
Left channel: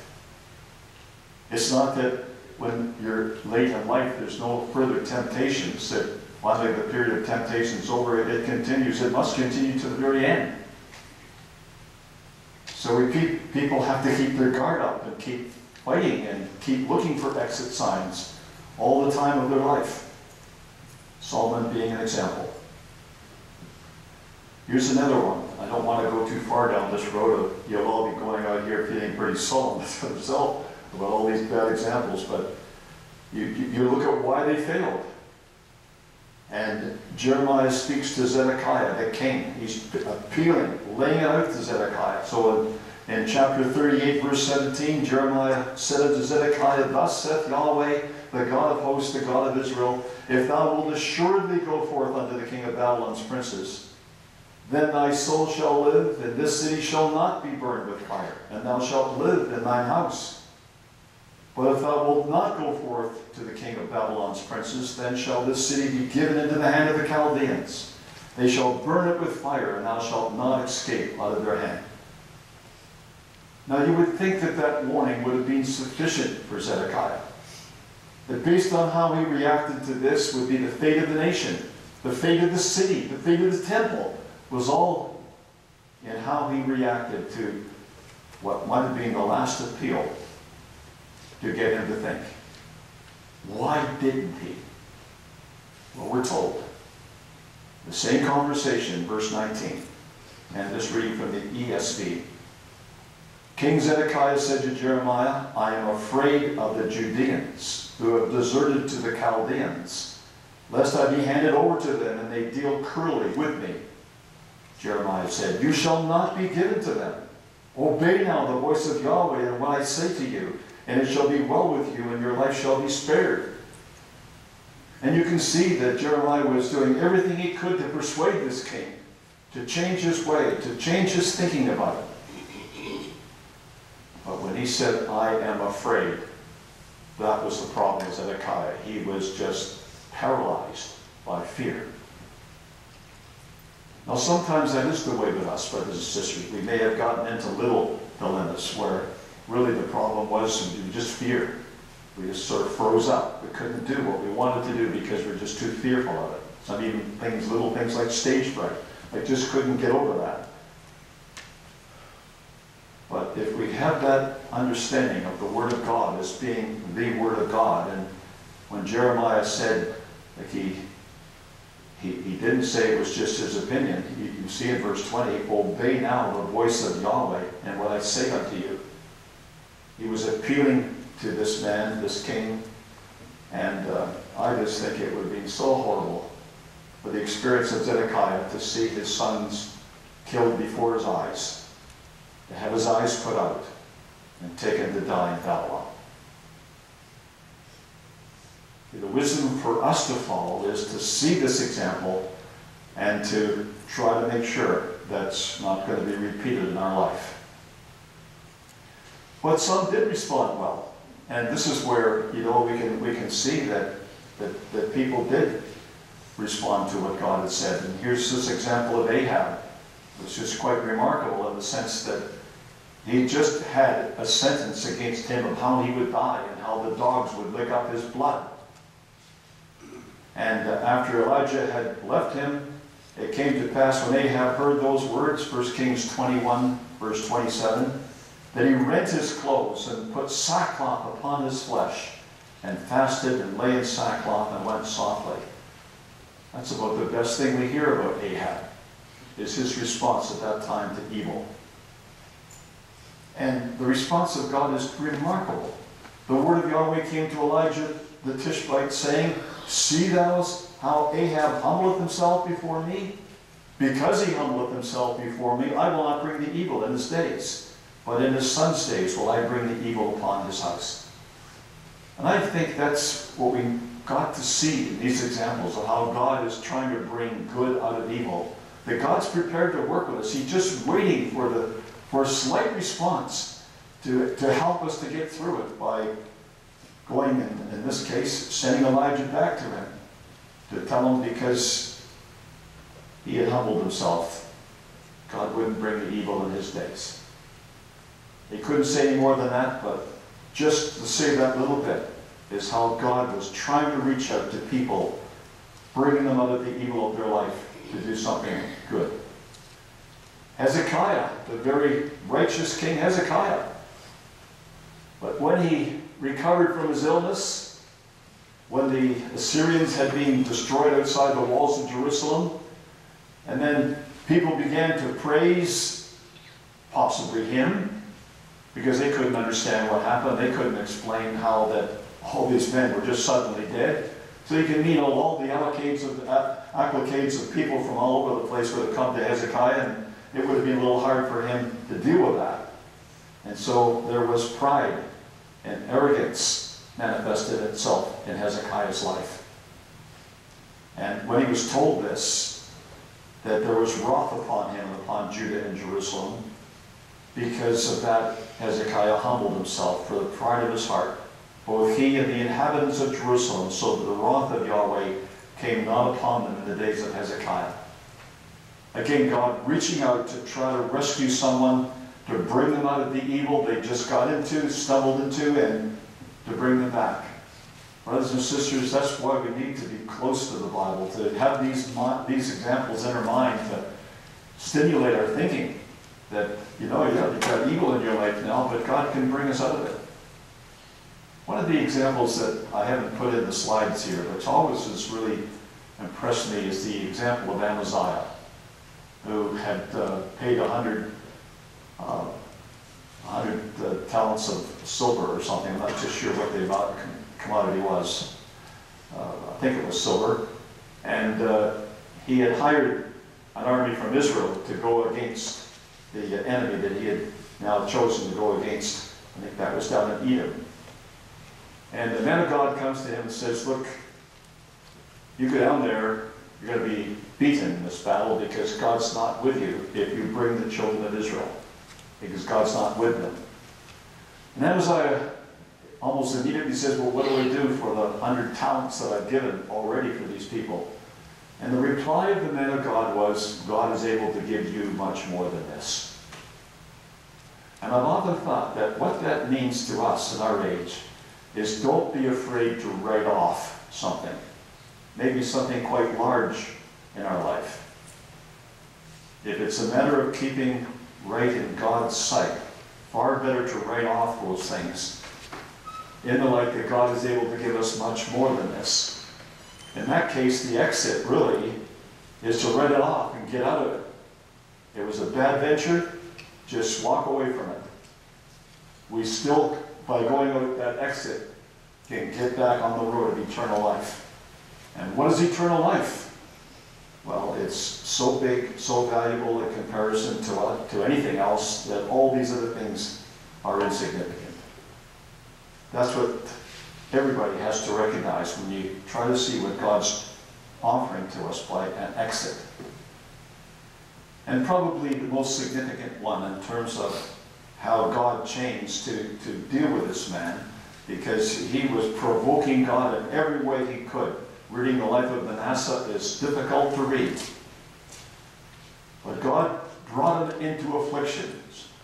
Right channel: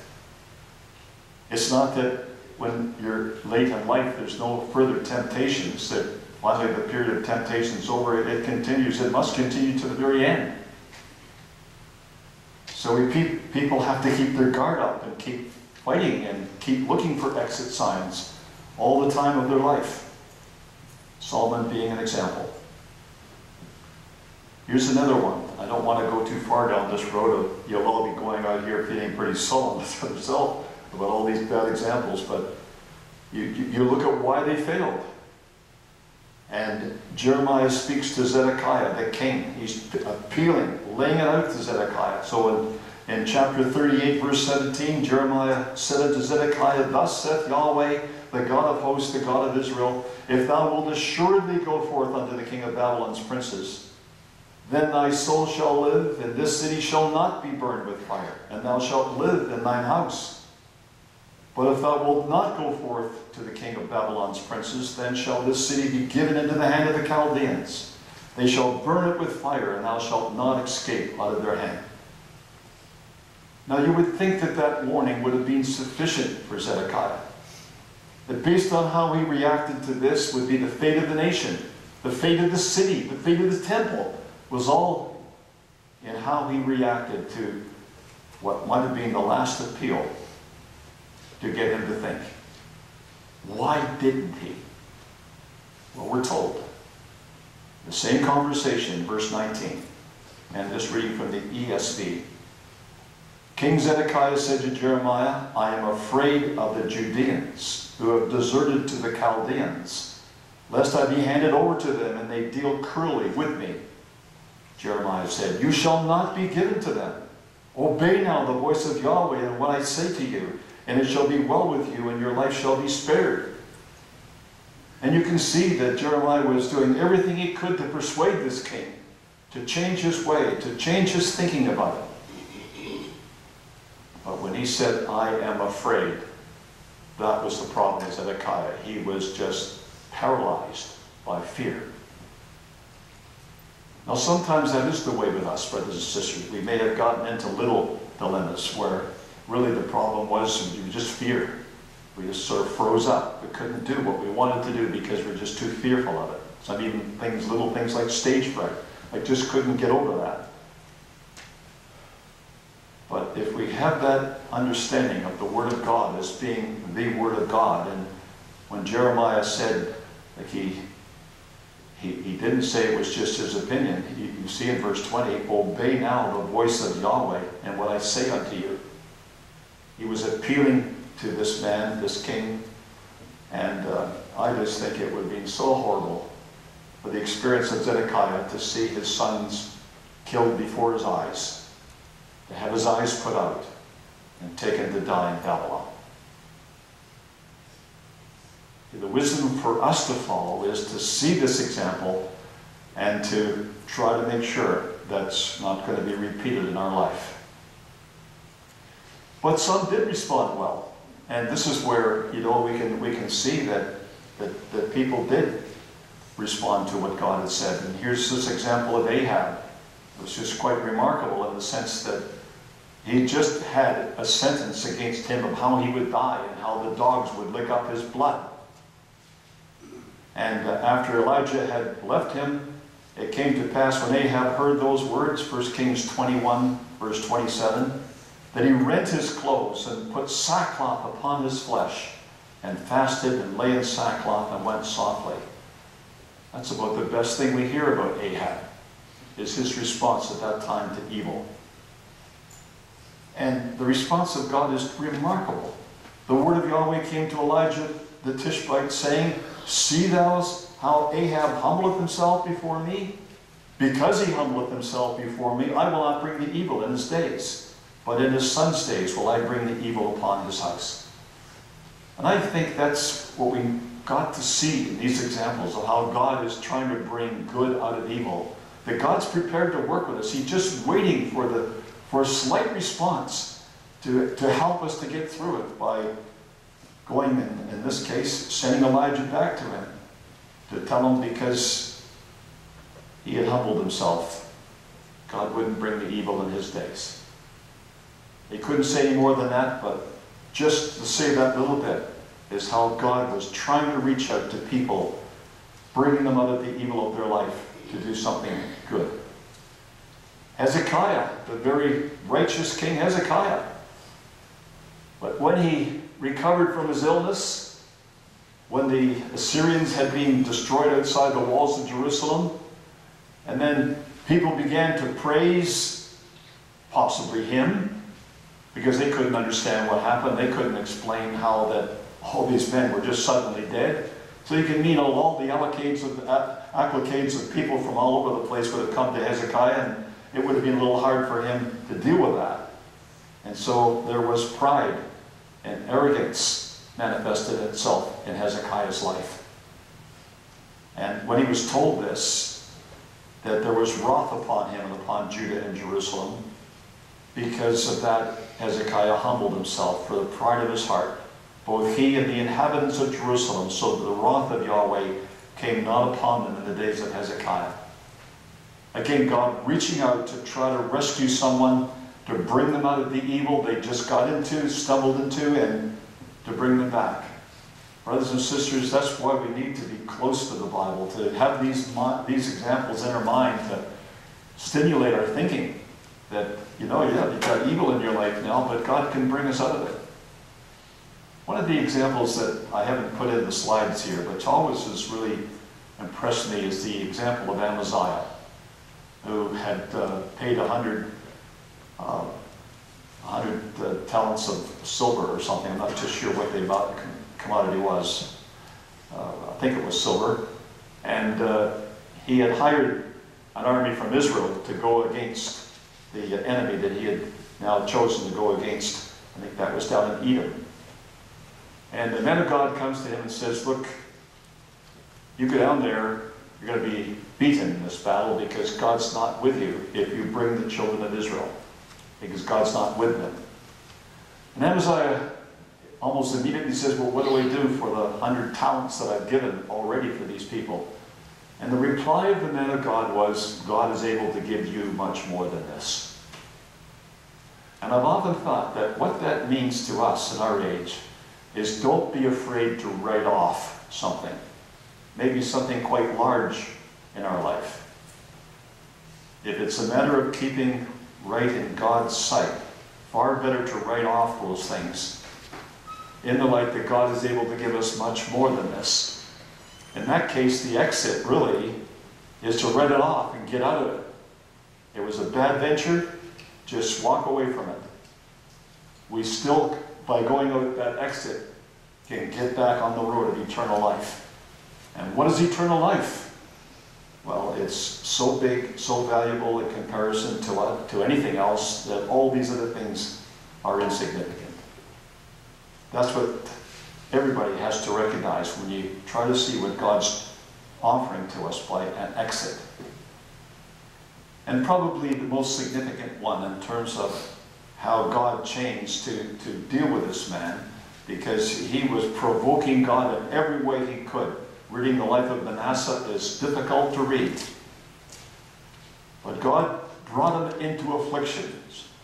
It's not that when you're late in life there's no further temptations, that finally the period of temptation is over. It continues. It must continue to the very end. So people have to keep their guard up and keep fighting and keep looking for exit signs all the time of their life. Solomon being an example. Here's another one. I don't want to go too far down this road. You'll all be going out here feeling pretty sullen to yourself about all these bad examples, but you look at why they failed. And Jeremiah speaks to Zedekiah, the king. He's appealing, laying it out to Zedekiah. So in chapter 38, verse 17, Jeremiah said unto Zedekiah, "Thus saith Yahweh, the God of hosts, the God of Israel, if thou wilt assuredly go forth unto the king of Babylon's princes, then thy soul shall live, and this city shall not be burned with fire, and thou shalt live in thine house. But if thou wilt not go forth to the king of Babylon's princes, then shall this city be given into the hand of the Chaldeans. They shall burn it with fire, and thou shalt not escape out of their hand." Now you would think that that warning would have been sufficient for Zedekiah. That based on how he reacted to this would be the fate of the nation, the fate of the city, the fate of the temple, was all in how he reacted to what might have been the last appeal to get him to think. Why didn't he? Well, we're told. The same conversation, verse 19, and this reading from the ESV. "King Zedekiah said to Jeremiah, I am afraid of the Judeans who have deserted to the Chaldeans, lest I be handed over to them and they deal cruelly with me. Jeremiah said, You shall not be given to them. Obey now the voice of Yahweh and what I say to you, and it shall be well with you, and your life shall be spared." And you can see that Jeremiah was doing everything he could to persuade this king, to change his way, to change his thinking about it. But when he said, "I am afraid," that was the problem with Zedekiah. He was just paralyzed by fear. Now sometimes that is the way with us, brothers and sisters. We may have gotten into little dilemmas where really the problem was just fear. We just sort of froze up. We couldn't do what we wanted to do because we're just too fearful of it. Some even things, little things like stage fright. I just couldn't get over that. But if we have that understanding of the Word of God as being the Word of God, and when Jeremiah said, like he didn't say it was just his opinion. You see in verse 20, "Obey now the voice of Yahweh and what I say unto you." He was appealing to this man, this king, and I just think it would have been so horrible for the experience of Zedekiah to see his sons killed before his eyes, to have his eyes put out and taken to die in Babylon. The wisdom for us to follow is to see this example and to try to make sure that's not going to be repeated in our life. But some did respond well, and this is where we can see that people did respond to what God had said. And here's this example of Ahab. It was just quite remarkable in the sense that he just had a sentence against him of how he would die and how the dogs would lick up his blood. And after Elijah had left him, it came to pass when Ahab heard those words, 1 Kings 21, verse 27, that he rent his clothes and put sackcloth upon his flesh and fasted and lay in sackcloth and went softly. That's about the best thing we hear about Ahab, is his response at that time to evil. And the response of God is remarkable. the word of Yahweh came to Elijah the Tishbite, saying, See thou how Ahab humbleth himself before me? Because he humbleth himself before me, I will not bring the evil in his days, but in his son's days will I bring the evil upon his house. And I think that's what we got to see in these examples of how God is trying to bring good out of evil. That God's prepared to work with us. He's just waiting for a slight response to help us to get through it by going, in this case, sending Elijah back to him to tell him because he had humbled himself, God wouldn't bring the evil in his days. He couldn't say any more than that, but just to say that little bit is how God was trying to reach out to people, bringing them out of the evil of their life to do something good. Hezekiah, the very righteous king Hezekiah. But when he recovered from his illness, when the Assyrians had been destroyed outside the walls of Jerusalem, and then people began to praise possibly him, because they couldn't understand what happened. They couldn't explain how that all these men were just suddenly dead. So you can mean all the acclicates of people from all over the place would have come to Hezekiah, and it would have been a little hard for him to deal with that. And so there was pride and arrogance manifested itself in Hezekiah's life. And when he was told this, that there was wrath upon him and upon Judah and Jerusalem, because of that, Hezekiah humbled himself for the pride of his heart, both he and the inhabitants of Jerusalem, so that the wrath of Yahweh came not upon them in the days of Hezekiah. Again, God reaching out to try to rescue someone, to bring them out of the evil they just got into, stumbled into, and to bring them back. Brothers and sisters, that's why we need to be close to the Bible, to have these examples in our mind, to stimulate our thinking. That, you've got evil in your life now, but God can bring us out of it. One of the examples that I haven't put in the slides here, but always has really impressed me, is the example of Amaziah, who had paid 100 talents of silver or something. I'm not just sure what the commodity was. I think it was silver. And he had hired an army from Israel to go against the enemy that he had now chosen to go against. I think that was down in Edom. And the man of God comes to him and says, look, you go down there, you're going to be beaten in this battle because God's not with you if you bring the children of Israel, because God's not with them. And Amaziah almost immediately says, well, what do I do for the 100 talents that I've given already for these people? And the reply of the man of God was, God is able to give you much more than this. And I've often thought that what that means to us in our age is don't be afraid to write off something. Maybe something quite large in our life. If it's a matter of keeping right in God's sight, far better to write off those things in the light that God is able to give us much more than this. In that case, the exit really is to write it off and get out of it. It was a bad venture, just walk away from it. We still, by going out that exit, can get back on the road of eternal life. And what is eternal life? Well, it's so big, so valuable in comparison to anything else that all these other things are insignificant. That's what everybody has to recognize when you try to see what God's offering to us by an exit. And probably the most significant one in terms of how God changed to deal with this man, because he was provoking God in every way he could. Reading the life of Manasseh is difficult to read. But God brought him into affliction.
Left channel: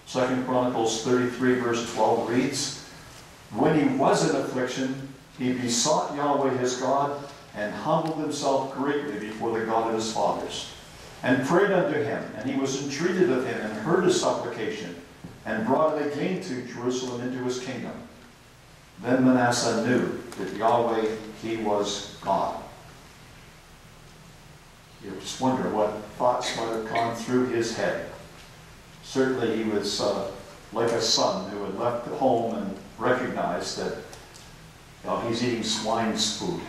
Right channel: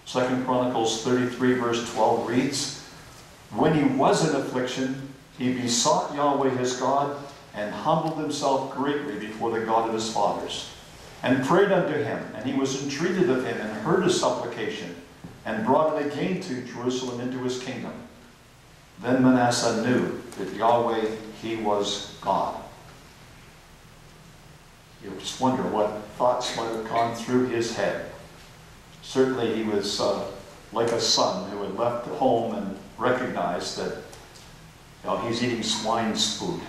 2 Chronicles 33 verse 12 reads, when he was in affliction, he besought Yahweh his God, and humbled himself greatly before the God of his fathers, and prayed unto him, and he was entreated of him, and heard his supplication, and brought it again to Jerusalem into his kingdom. Then Manasseh knew that Yahweh, he was God. You just wonder what thoughts might have gone through his head. Certainly he was like a son who had left home and recognized that he's eating swine's food.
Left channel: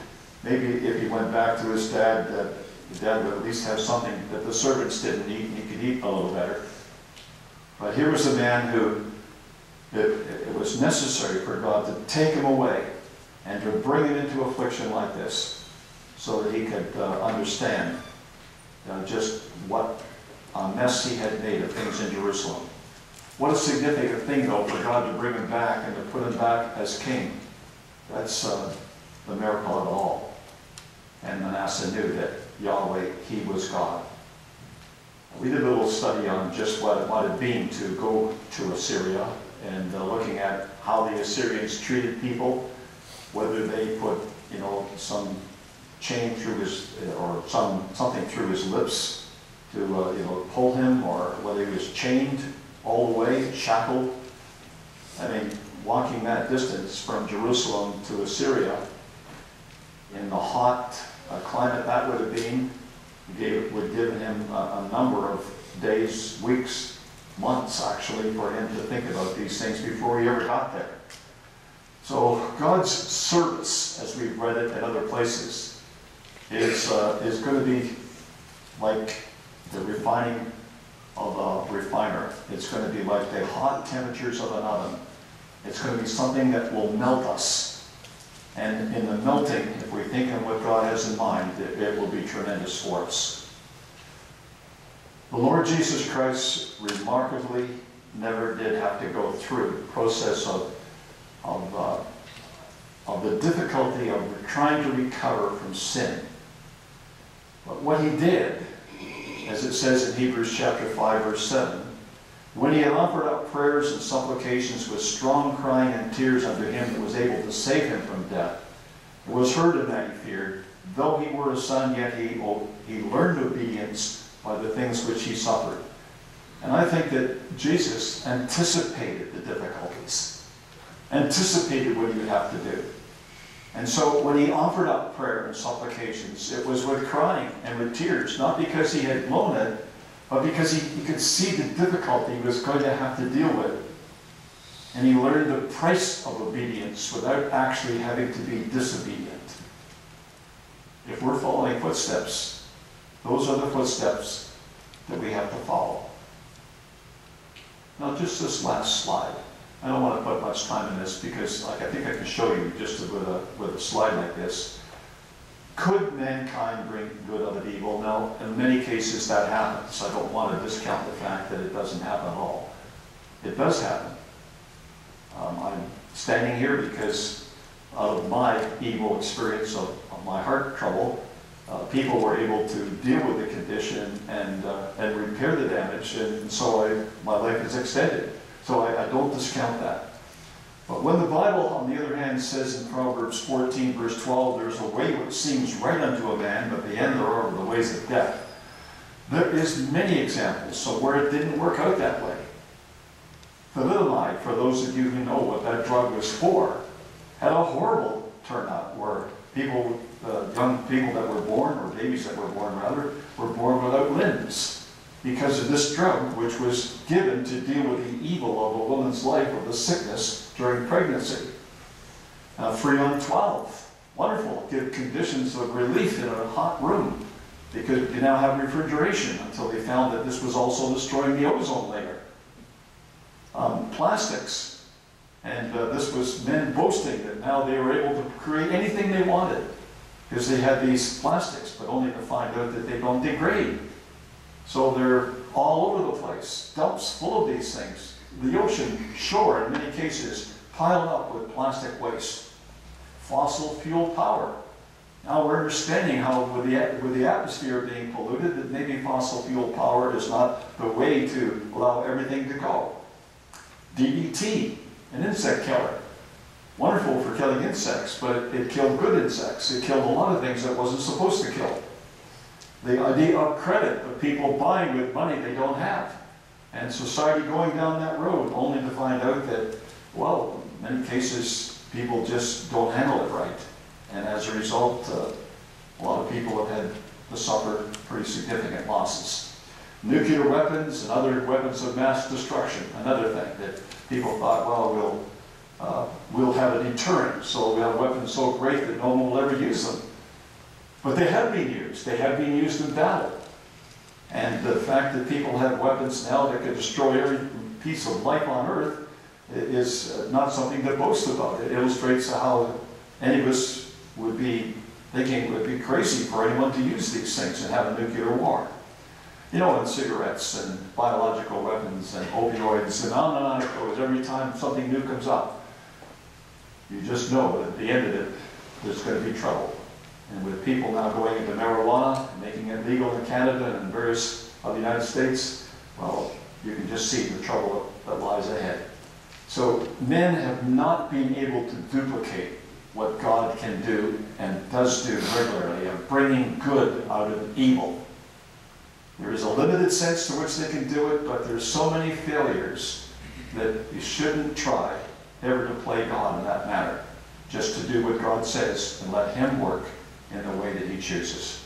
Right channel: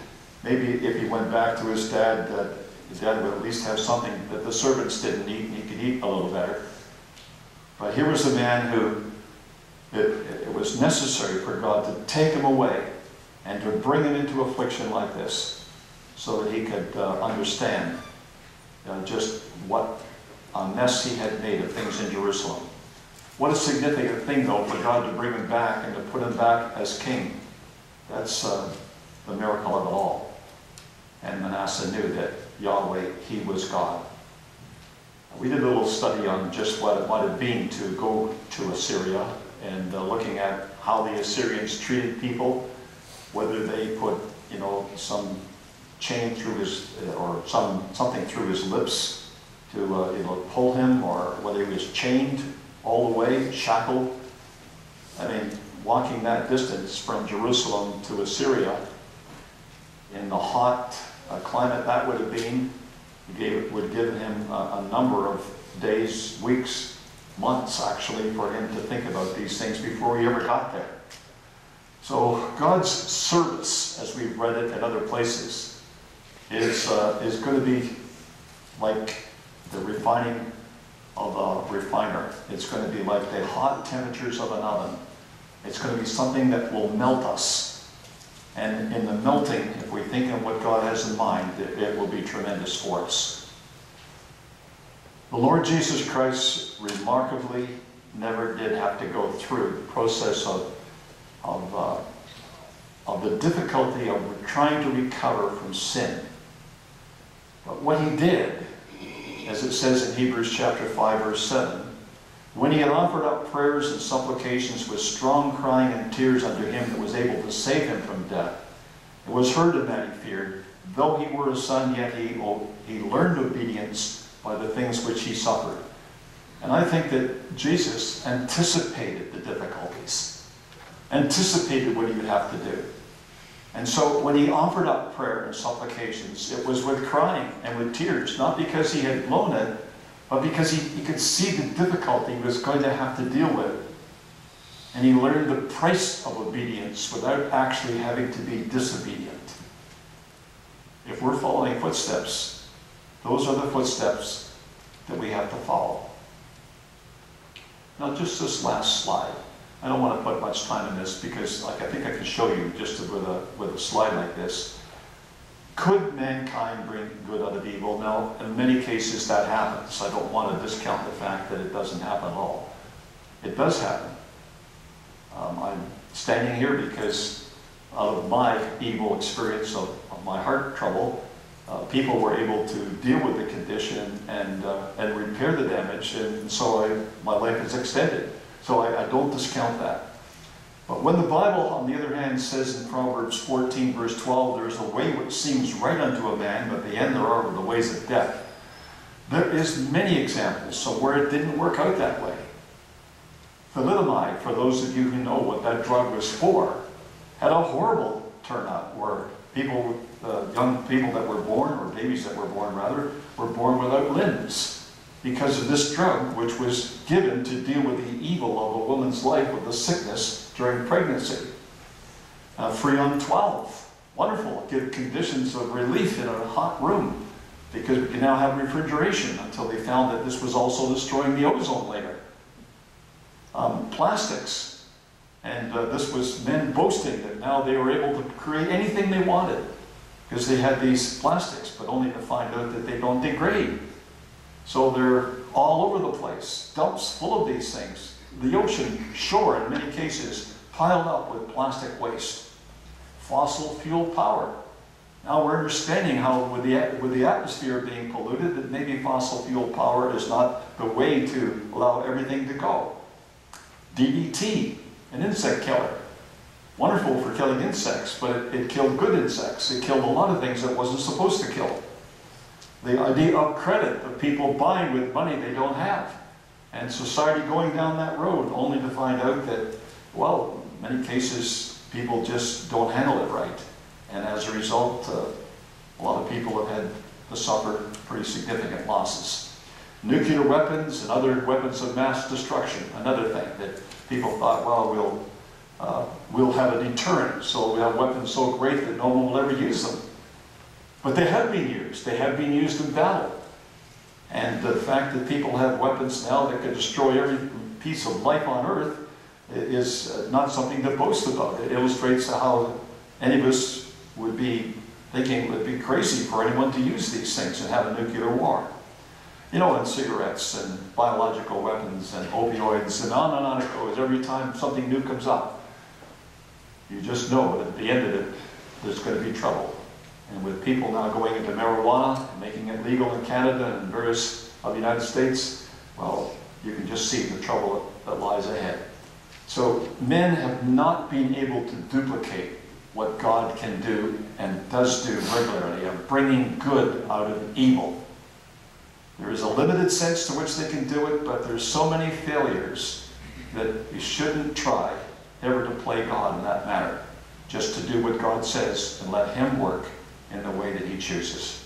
Maybe if he went back to his dad, the dad would at least have something that the servants didn't eat, and he could eat a little better. But here was a man who, it was necessary for God to take him away and to bring him into affliction like this so that he could understand just what a mess he had made of things in Jerusalem. What a significant thing, though, for God to bring him back and to put him back as king. That's the miracle of it all. And Manasseh knew that Yahweh, he was God. We did a little study on just what it might have been to go to Assyria, and looking at how the Assyrians treated people, whether they put, some chain through his, or something through his lips to, pull him, or whether he was chained all the way, shackled. I mean, walking that distance from Jerusalem to Assyria in the hot climate that would have been, would give him a number of days, weeks, months actually, for him to think about these things before he ever got there. So God's service, as we've read it at other places, is going to be like the refining of a refiner. It's going to be like the hot temperatures of an oven. It's going to be something that will melt us. And in the melting, if we think of what God has in mind, it will be tremendous for us. The Lord Jesus Christ remarkably never did have to go through the process of the difficulty of trying to recover from sin. But what he did, as it says in Hebrews chapter 5, verse 7, when he had offered up prayers and supplications with strong crying and tears unto him that was able to save him from death, it was heard him that he feared. Though he were a son, yet he learned obedience by the things which he suffered. And I think that Jesus anticipated the difficulties, anticipated what he would have to do. And so when he offered up prayer and supplications, it was with crying and with tears, not because he had blown it, but because he could see the difficulty he was going to have to deal with. And he learned the price of obedience without actually having to be disobedient. If we're following footsteps, those are the footsteps that we have to follow. Now just this last slide. I don't want to put much time in this because I think I can show you just with a slide like this. Could mankind bring good out of evil? No, in many cases that happens. I don't want to discount the fact that it doesn't happen at all. It does happen. I'm standing here because out of my evil experience of my heart trouble, people were able to deal with the condition and repair the damage, and so my life is extended. So I don't discount that. But when the Bible, on the other hand, says in Proverbs 14, verse 12, there's a way which seems right unto a man, but the end thereof are the ways of death. There is many examples of where it didn't work out that way. Thalidomide, for those of you who know what that drug was for, had a horrible turnout where people, young people that were born, or babies that were born rather, were born without limbs because of this drug, which was given to deal with the evil of a woman's life with the sickness during pregnancy. Freon 12, wonderful, give conditions of relief in a hot room because we can now have refrigeration until they found that this was also destroying the ozone layer. Plastics, and this was men boasting that now they were able to create anything they wanted because they had these plastics, but only to find out that they don't degrade. So they're all over the place, dumps full of these things. The ocean shore, in many cases, piled up with plastic waste. Fossil fuel power. Now we're understanding how, with the atmosphere being polluted, that maybe fossil fuel power is not the way to allow everything to go. DDT, an insect killer. Wonderful for killing insects, but it killed good insects. It killed a lot of things that it wasn't supposed to kill. The idea of credit, of people buying with money they don't have. And society going down that road only to find out that, well, in many cases, people just don't handle it right. And as a result, a lot of people have had to suffer pretty significant losses. Nuclear weapons and other weapons of mass destruction, another thing that people thought, well, we'll have a deterrent. So we have weapons so great that no one will ever use them. But they have been used. They have been used in battle. And the fact that people have weapons now that can destroy every piece of life on earth is not something to boast about. It illustrates how any of us would be thinking it would be crazy for anyone to use these things and have a nuclear war. You know, and cigarettes and biological weapons and opioids and on it goes. Every time something new comes up, you just know that at the end of it, there's going to be trouble. And with people now going into marijuana, making it legal in Canada and various other United States, well, you can just see the trouble that lies ahead. So men have not been able to duplicate what God can do and does do regularly of bringing good out of evil. There is a limited sense to which they can do it, but there's so many failures that you shouldn't try ever to play God in that matter. Just to do what God says and let Him work in the way that He chooses.